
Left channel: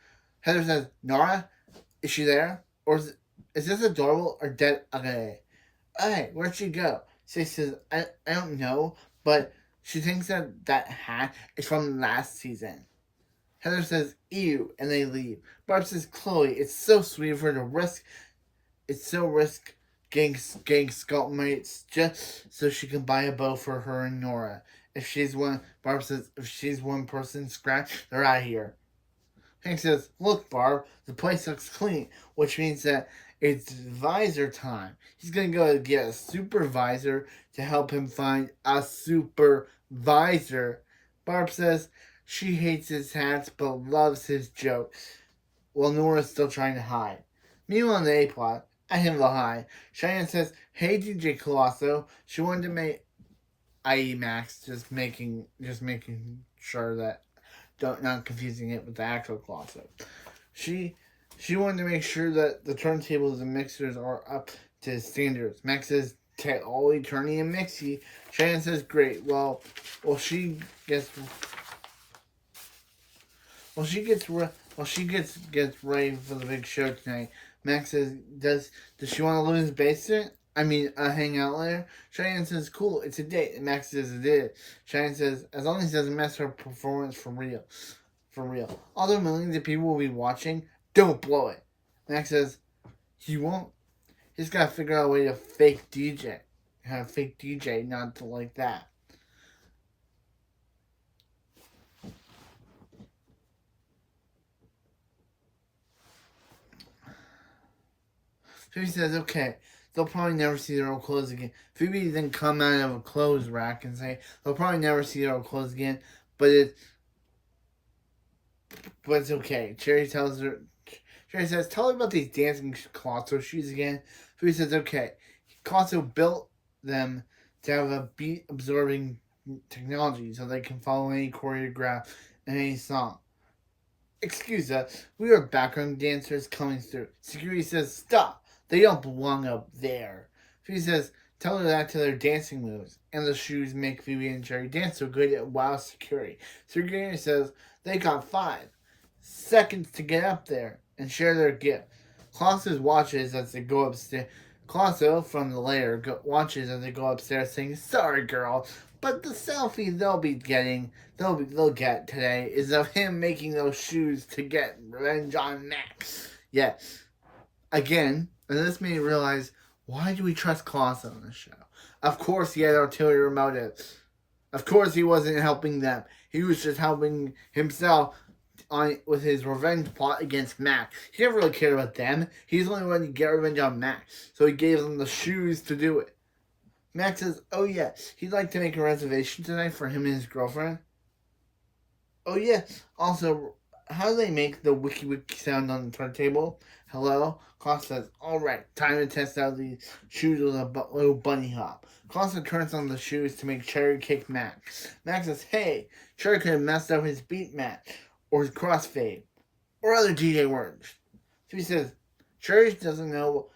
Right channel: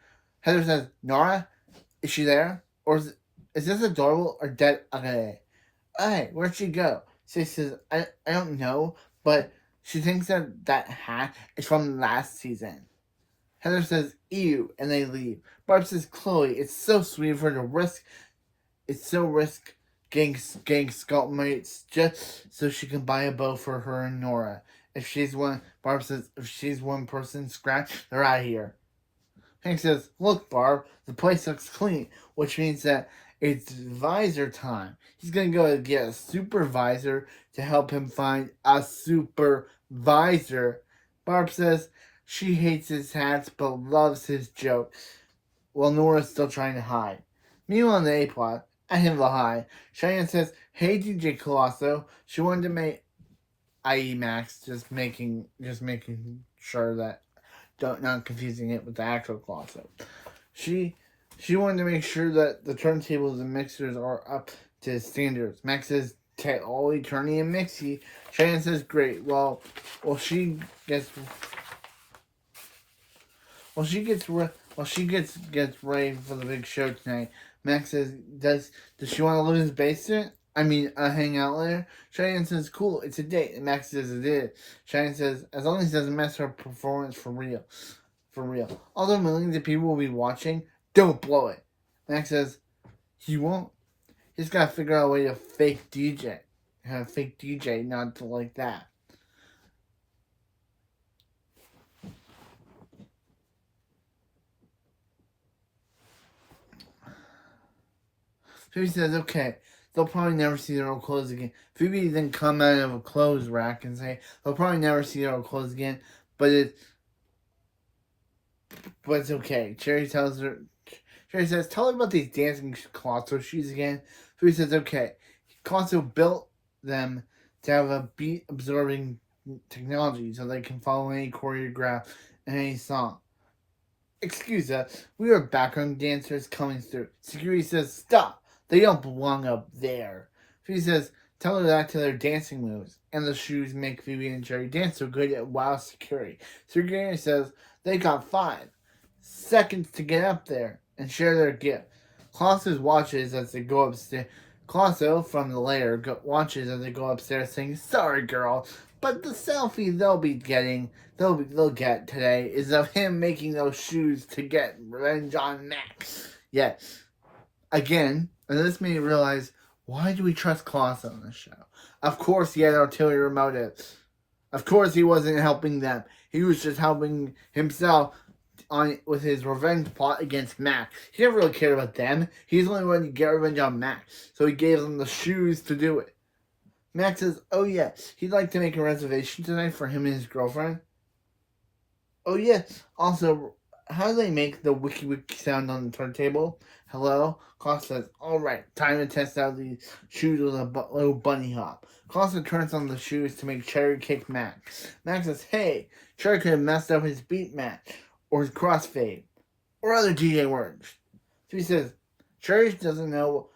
Heather says, Nora, is she there? Or is this adorable or dead? Okay. Hey, where'd she go? So he says, I don't know, but she thinks that hat is from last season. Heather says, ew, and they leave. Barb says, Chloe, it's so sweet of her to risk getting scalp mates just so she can buy a bow for her and Nora. Barb says, if she's one person scratch, they're out of here. Hank says, look, Barb, the place looks clean, which means that it's visor time. He's going to go get a supervisor to help him find a supervisor. Barb says she hates his hats but loves his jokes, while Nora's still trying to hide. Meanwhile, in the A plot, at him the high, Cheyenne says, hey, DJ Colosso. She wanted to make, i.e. Max, just making sure that, not confusing it with the actual Colosso. She wanted to make sure that the turntables and mixers are up to standards. Max says, totally turning and mixy. Cheyenne says, great. Well, she gets ready for the big show tonight. Max says, does she want to live in his basement? Hang out later? Cheyenne says, cool, it's a date. And Max says, it is. Cheyenne says, as long as he doesn't mess her performance for real. Although millions of people will be watching, don't blow it. Max says, he won't. He's got to figure out a way to fake DJ. Have a fake DJ, not to like that. Phoebe says, okay, they'll probably never see their old clothes again. Phoebe then come out of a clothes rack and say, they'll probably never see their old clothes again, but it's okay. Cherry says, tell her about these dancing Colosso shoes again. Phoebe says, okay. Colosso built them to have a beat-absorbing technology so they can follow any choreograph and any song. Excuse us, we are background dancers coming through. Security says, stop. They don't belong up there. Phoebe says, tell her that to their dancing moves. And the shoes make Phoebe and Jerry dance so good at wow security. Security says, they got 5 seconds to get up there and share their gift. Colosso watches as they go upstairs. Colosso from the lair watches as they go upstairs saying, sorry girl, but the selfie they'll get today is of him making those shoes to get revenge on Max. Yet, again, and this made me realize, why do we trust Colosso on this show? Of course he had ulterior motives. Of course he wasn't helping them. He was just helping himself with his revenge plot against Max. He never really cared about them. He's only wanting to get revenge on Max. So he gave them the shoes to do it. Max says, oh yeah, he'd like to make a reservation tonight for him and his girlfriend. Oh yeah, also, how do they make the wiki wiki sound on the turntable? Hello? Klaus says, alright, time to test out these shoes with a little bunny hop. Klaus turns on the shoes to make Cherry kick Max. Max says, hey, Cherry could have messed up his beat match, or his crossfade, or other DJ words. Phoebe says, Cherry doesn't know.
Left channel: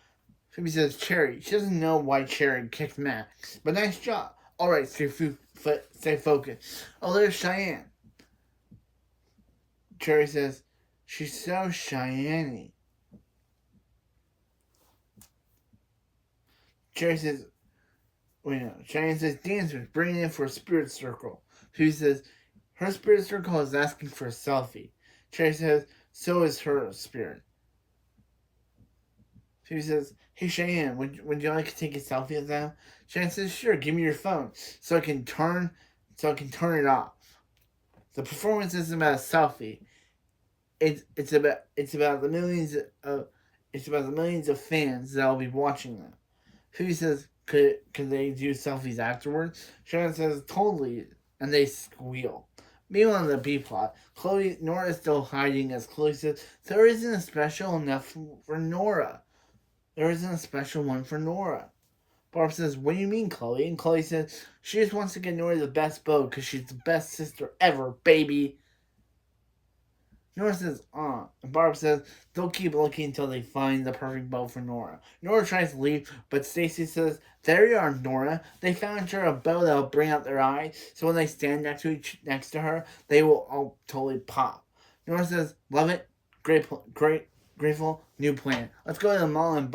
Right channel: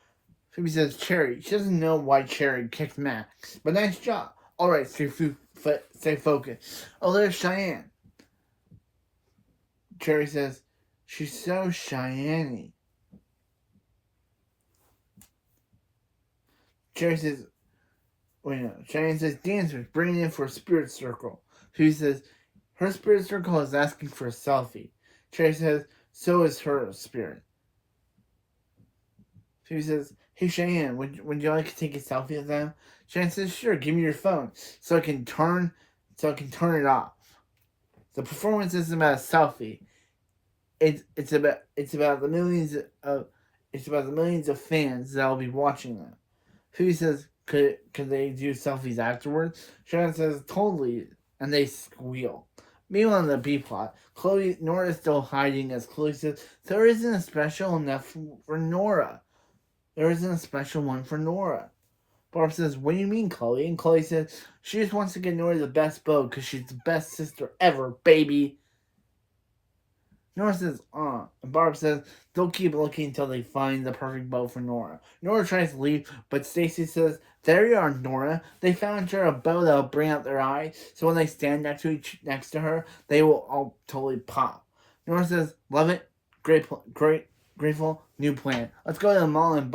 Phoebe says, Cherry, she doesn't know why Cherry kicked Max, but nice job. Alright, stay focused. Oh, there's Cheyanne. Cherry says, she's so Cheyenne-y. Cheyenne says, dancers, bring in for a spirit circle. Phoebe says, her spirit circle is asking for a selfie. Cherry says, so is her spirit. Phoebe says, hey Cheyanne, would you like to take a selfie of them? Cheyanne says, sure, give me your phone so I can turn it off. The performance isn't about a selfie. It's about the millions of fans that'll be watching them. Phoebe says, could they do selfies afterwards? Cheyanne says, totally, and they squeal. Meanwhile, on the B plot, Nora is still hiding as Chloe says, there isn't a special enough for Nora. There isn't a special one for Nora. Barb says, what do you mean, Chloe? And Chloe says, she just wants to get Nora the best bow because she's the best sister ever, baby. Nora says, and Barb says, they'll keep looking until they find the perfect bow for Nora. Nora tries to leave, but Stacy says, there you are, Nora. They found her a bow that'll bring out their eye, so when they stand next to her, they will all totally pop. Nora says, love it, grateful, new plan. Let's go to the mall and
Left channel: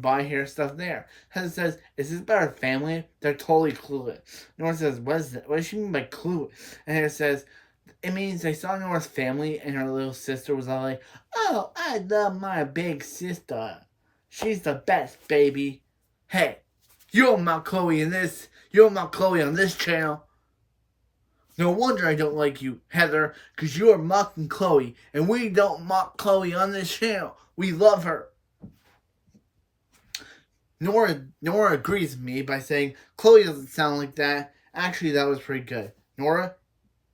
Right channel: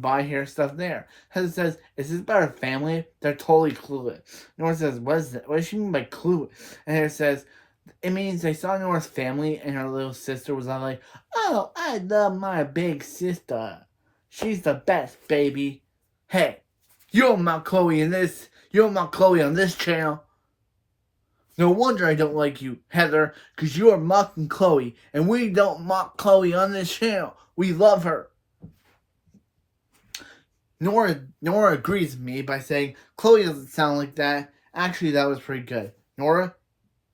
buy hair stuff there. Heather says, is this about her family? They're totally clueless. Nora says, what does she mean by clueless? And Heather says, it means they saw Nora's family and her little sister was all like, oh, I love my big sister. She's the best, baby. Hey, you don't mock Chloe on this channel. No wonder I don't like you, Heather, because you are mocking Chloe, and we don't mock Chloe on this channel. We love her. Nora agrees with me by saying, Chloe doesn't sound like that. Actually, that was pretty good. Nora,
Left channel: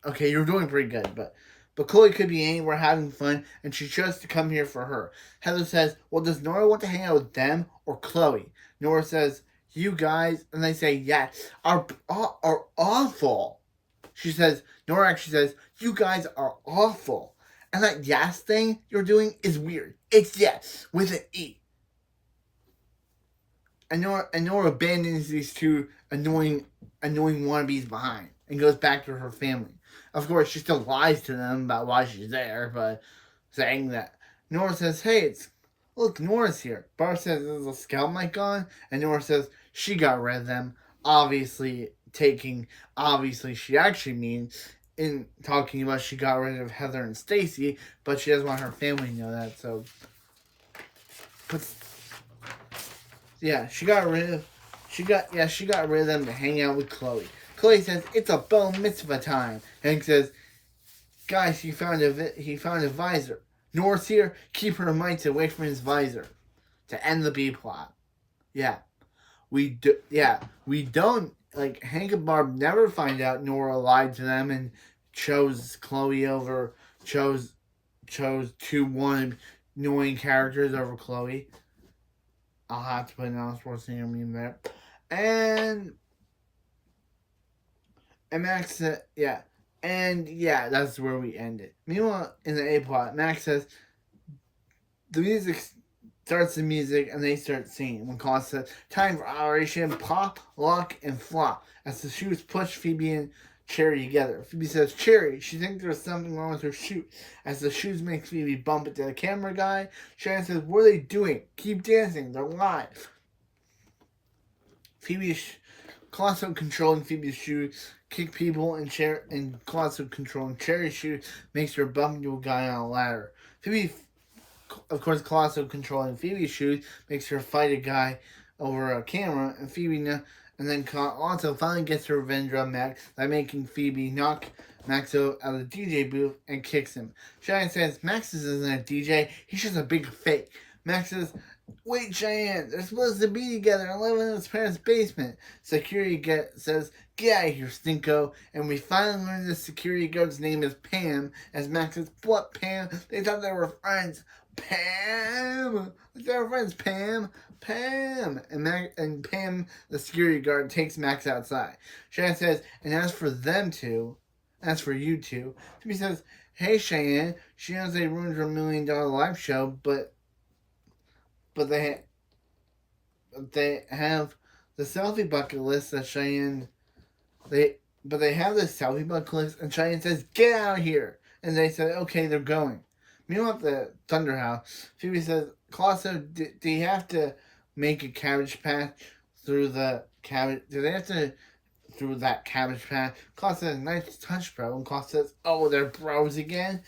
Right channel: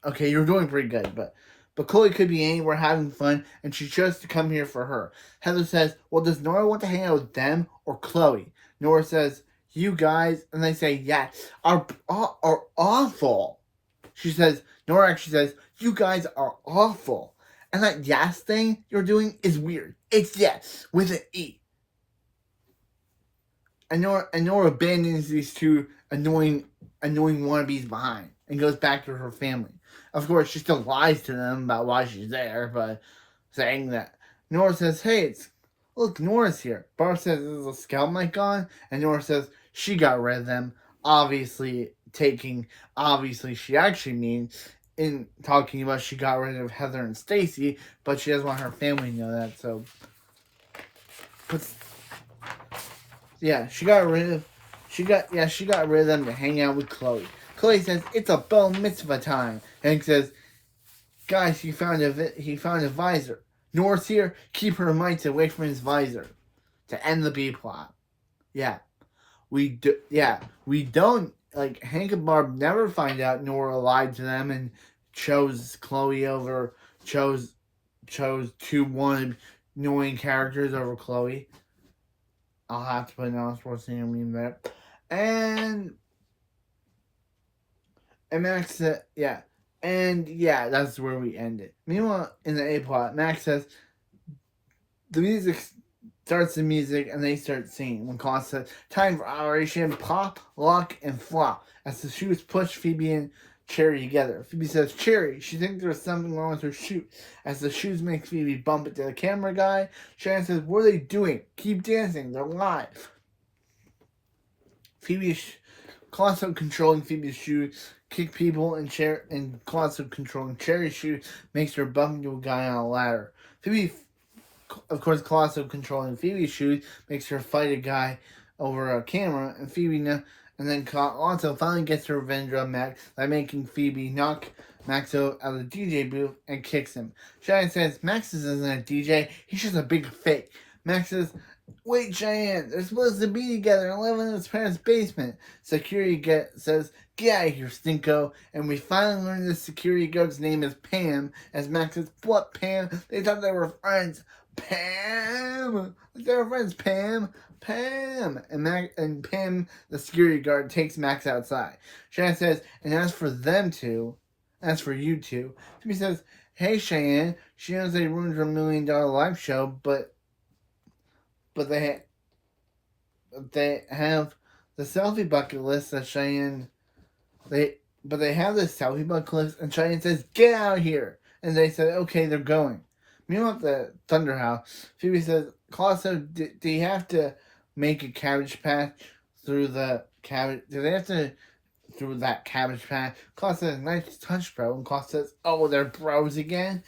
okay, you're doing pretty good, but Chloe could be anywhere having fun, and she chose to come here for her. Heather says, well, does Nora want to hang out with them or Chloe? Nora says, you guys, and they say, yes, are awful. Nora actually says, you guys are awful. And that yes thing you're doing is weird. It's yes, with an E. And Nora abandons these two annoying wannabes behind and goes back to her family. Of course, she still lies to them about why she's there, but saying that. Nora says, hey, look, Nora's here. Barb says, there's a scout mic on, and Nora says, she got rid of them. Obviously, she actually means in talking about she got rid of Heather and Stacy, but she doesn't want her family to know that. So, but yeah, she got rid of them to hang out with Chloe. Chloe says it's a bar mitzvah time. Hank says, guys, he found a visor. Nora's here. Keep her mites away from his visor to end the B plot. Yeah, we don't, like, Hank and Barb never find out Nora lied to them and chose two annoying characters over Chloe. I'll have to put an Arnold Schwarzenegger meme there. And Max said, that's where we end it. Meanwhile, in the A plot, Max says, the music starts the music and they start singing. When Colin says, time for Operation Pop, Lock, and Flop. As the shoes push Phoebe and Cherry together. Phoebe says, Cherry, she thinks there's something wrong with her shoe. As the shoes make Phoebe bump into the camera guy, Cheyanne says, what are they doing? Keep dancing, they're live. Phoebe's constant controlling Phoebe's shoes, kick people, and constant controlling Cherry's shoes makes her bump into a guy on a ladder. Phoebe, of course, constant controlling Phoebe's shoes makes her fight a guy over a camera, and Phoebe and then also finally gets her revenge on Max by making Phoebe knock Max out of the DJ booth and kicks him. Cheyanne says, Max isn't a DJ, he's just a big fake. Max says, wait, Cheyanne, they're supposed to be together and live in his parents' basement. Security says, get out of here, stinko. And we finally learn the security guard's name is Pam. As Max says, what, Pam? They thought they were friends. Pam! They were friends, Pam. Pam! And Pam, the security guard, takes Max outside. Cheyanne says, and as for you two, Phoebe says, hey, Cheyanne, she knows they ruined her $1 million live show, but they have the selfie bucket list that Cheyanne, they have the selfie bucket list, and Cheyanne says, get out of here! And they said, okay, they're going. Meanwhile, at the Thunder House, Phoebe says, Colosso, do you have to make a cabbage patch through the cabbage? Do they have to through that cabbage patch? Colosso says, nice touch, bro. And Colosso says, oh, they're bros again?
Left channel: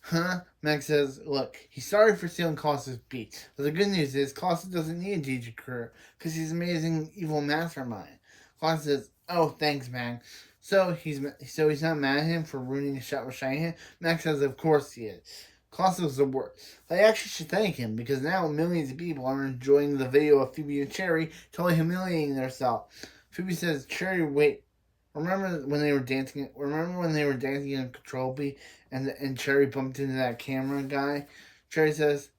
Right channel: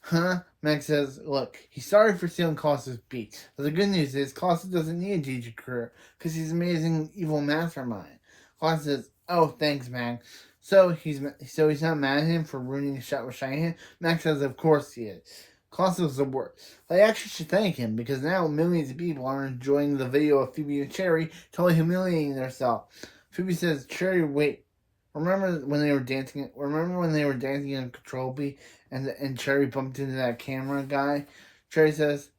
Huh? Max says, look, he's sorry for stealing Colosso's beat. But the good news is, Colosso doesn't need a DJ career because he's an amazing evil mastermind. Colosso says, oh, thanks, man. So he's not mad at him for ruining the shot with Cheyanne? Max says, of course he is. Colosso's the worst. They actually should thank him because now millions of people are enjoying the video of Phoebe and Cherry totally humiliating themselves. Phoebe says, Cherry, wait. Remember when they were dancing in Control B and Cherry bumped into that camera guy? Cherry says,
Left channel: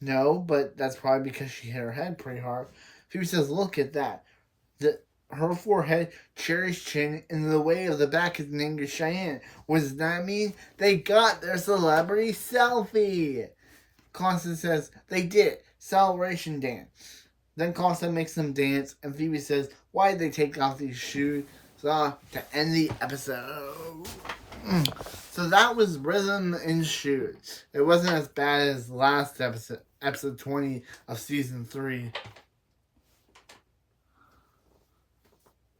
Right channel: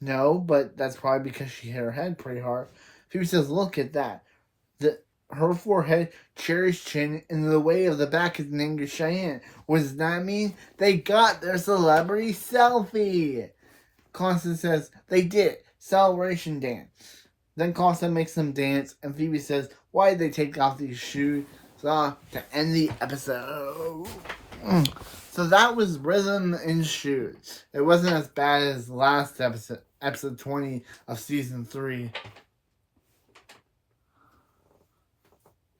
no, but that's probably because she hit her head pretty hard. Phoebe says, look at that. Her forehead, Cherry's chin, and the way of the back is named Cheyanne. What does that mean? They got their celebrity selfie. Constance says, they did. Celebration dance. Then Constance makes them dance, and Phoebe says, why did they take off these shoes? To end the episode. So that was Rhythm and Shoes. It wasn't as bad as last episode 20 of season 3.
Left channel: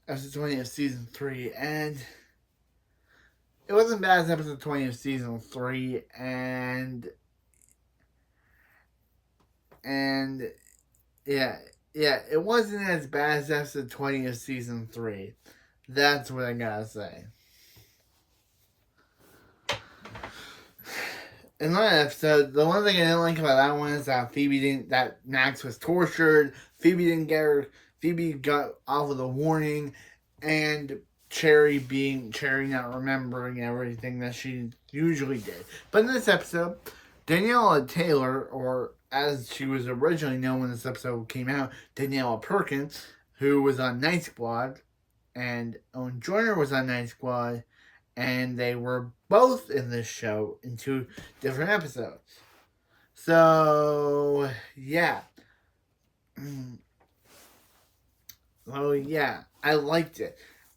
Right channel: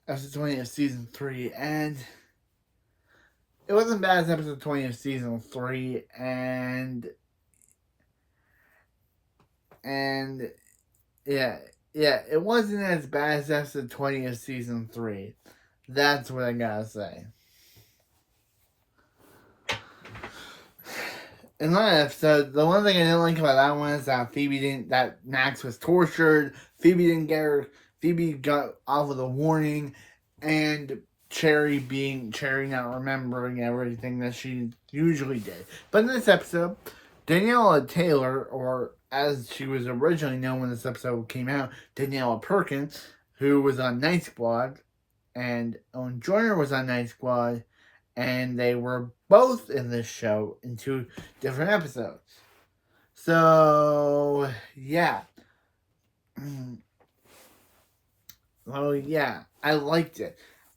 Episode 20 of season 3, and it wasn't bad as episode 20 of season 3, and it wasn't as bad as episode 20 of season 3. That's what I gotta say. In that episode, the one thing I didn't like about that one is that Max was tortured. Phoebe got off with a warning, and Cherry not remembering everything that she usually did. But in this episode, Daniela Taylor, or as she was originally known when this episode came out, Daniela Perkins, who was on Night Squad, and Owen Joyner was on Night Squad, and they were both in this show in 2 different episodes. So, yeah. Oh yeah, I liked it.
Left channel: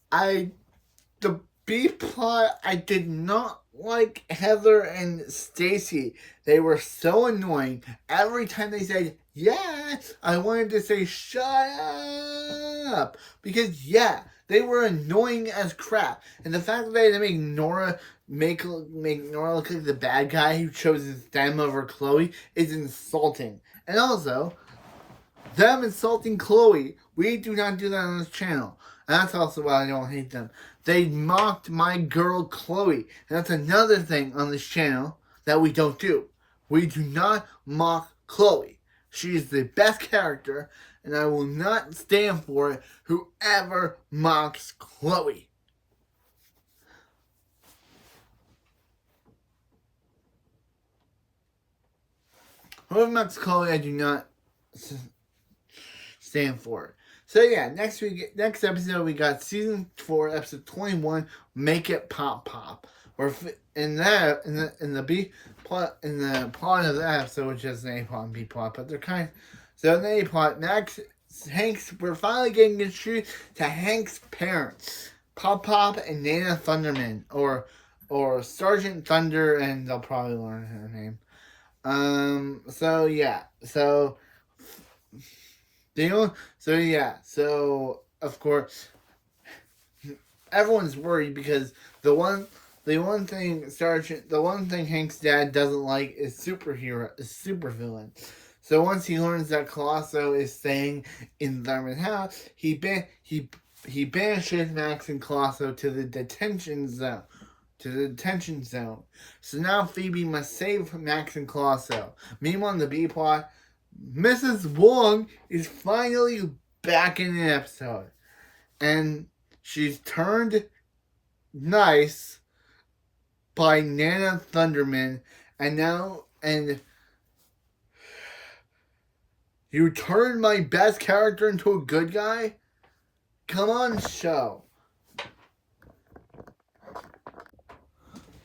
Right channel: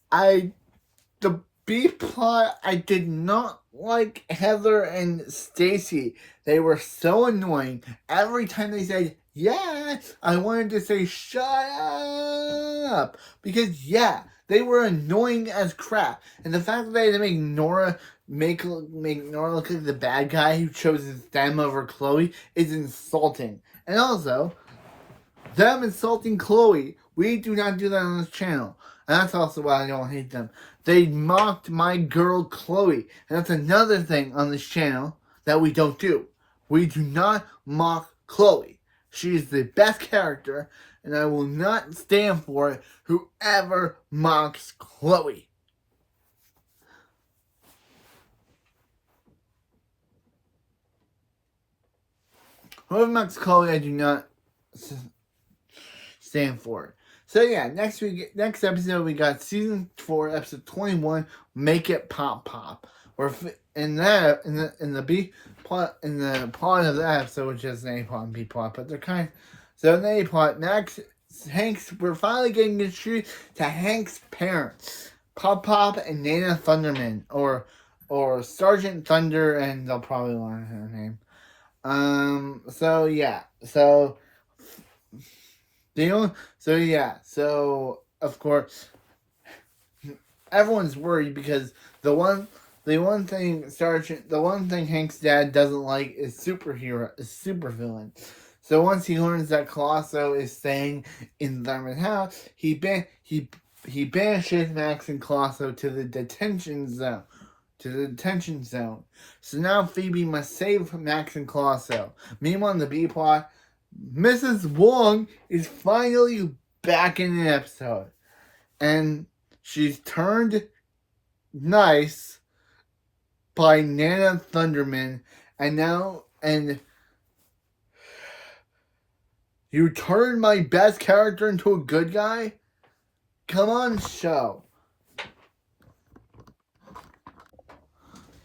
The B plot, I did not like Heather and Stacy. They were so annoying. Every time they said Yeah, I wanted to say shut up. Because, yeah, they were annoying as crap. And the fact that they had to make Nora look like the bad guy who chose them over Chloe is insulting. And also, them insulting Chloe, we do not do that on this channel. And that's also why I don't hate them. They mocked my girl Chloe. And that's another thing on this channel that we don't do. We do not mock Chloe. She is the best character, and I will not stand for it, whoever mocks Chloe. Whoever mocks Chloe, I do not stand for it. So yeah, next episode we got season 4, episode 21, Make It Pop Pop. We're in the plot of that episode, which is an A plot and B plot, but they're kind of so in the A plot. Next, we're finally getting introduced to Hank's parents, Pop Pop and Nana Thunderman, or Sergeant Thunder, and they'll probably learn her name. So yeah, so of course everyone's worried because the one thing Hank's dad doesn't like is supervillain. So once he learns that Colosso is staying in Thurman's house, he banishes Max and Colosso to the detention zone. So now Phoebe must save Max and Colosso. Meanwhile, in the B plot, Mrs. Wong is finally back in the episode. And she's turned nice by Nana Thunderman. And you turned my best character into a good guy? Come on, show.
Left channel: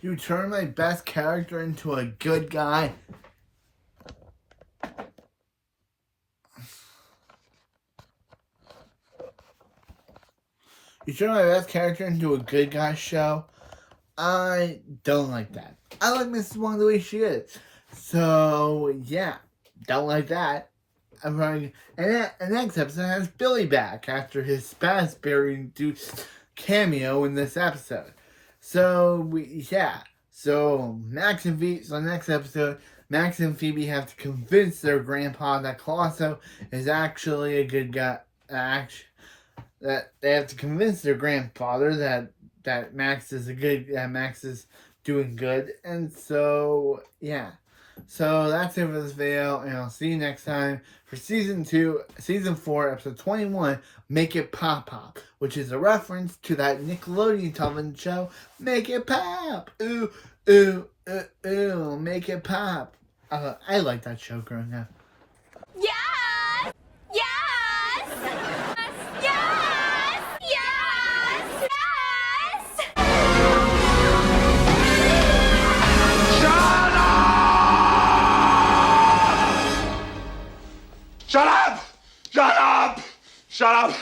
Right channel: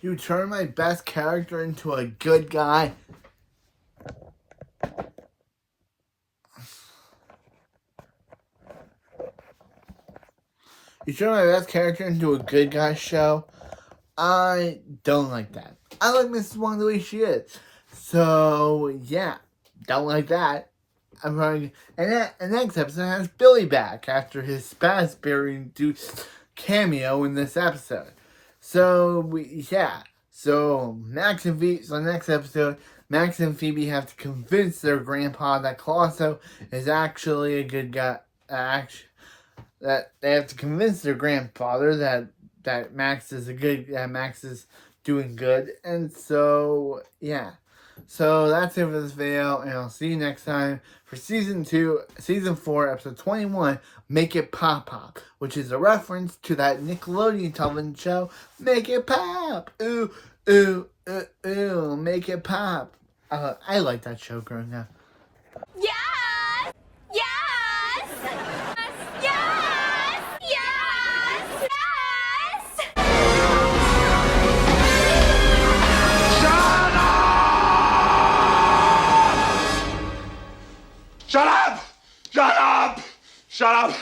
You turned my best character into a good guy? You turned my best character into a good guy, show? I don't like that. I like Mrs. Wong the way she is. So, yeah. Don't like that. I'm running. And the next episode has Billy back after his Spazberry-induced cameo in this episode. So, So, Max and Phoebe, so next episode, Max and Phoebe have to convince their grandpa that Colosso is actually a good guy. That they have to convince their grandfather that Max is doing good. And so, yeah. So that's it for this video, and I'll see you next time for season 4, episode 21, Make It Pop Pop, which is a reference to that Nickelodeon television show, Make It Pop! Ooh, ooh, ooh, ooh, Make It Pop. I like that show growing up. Yes! Yes! Yes! Yes! Yes! Shut up! Shut up! Shut up!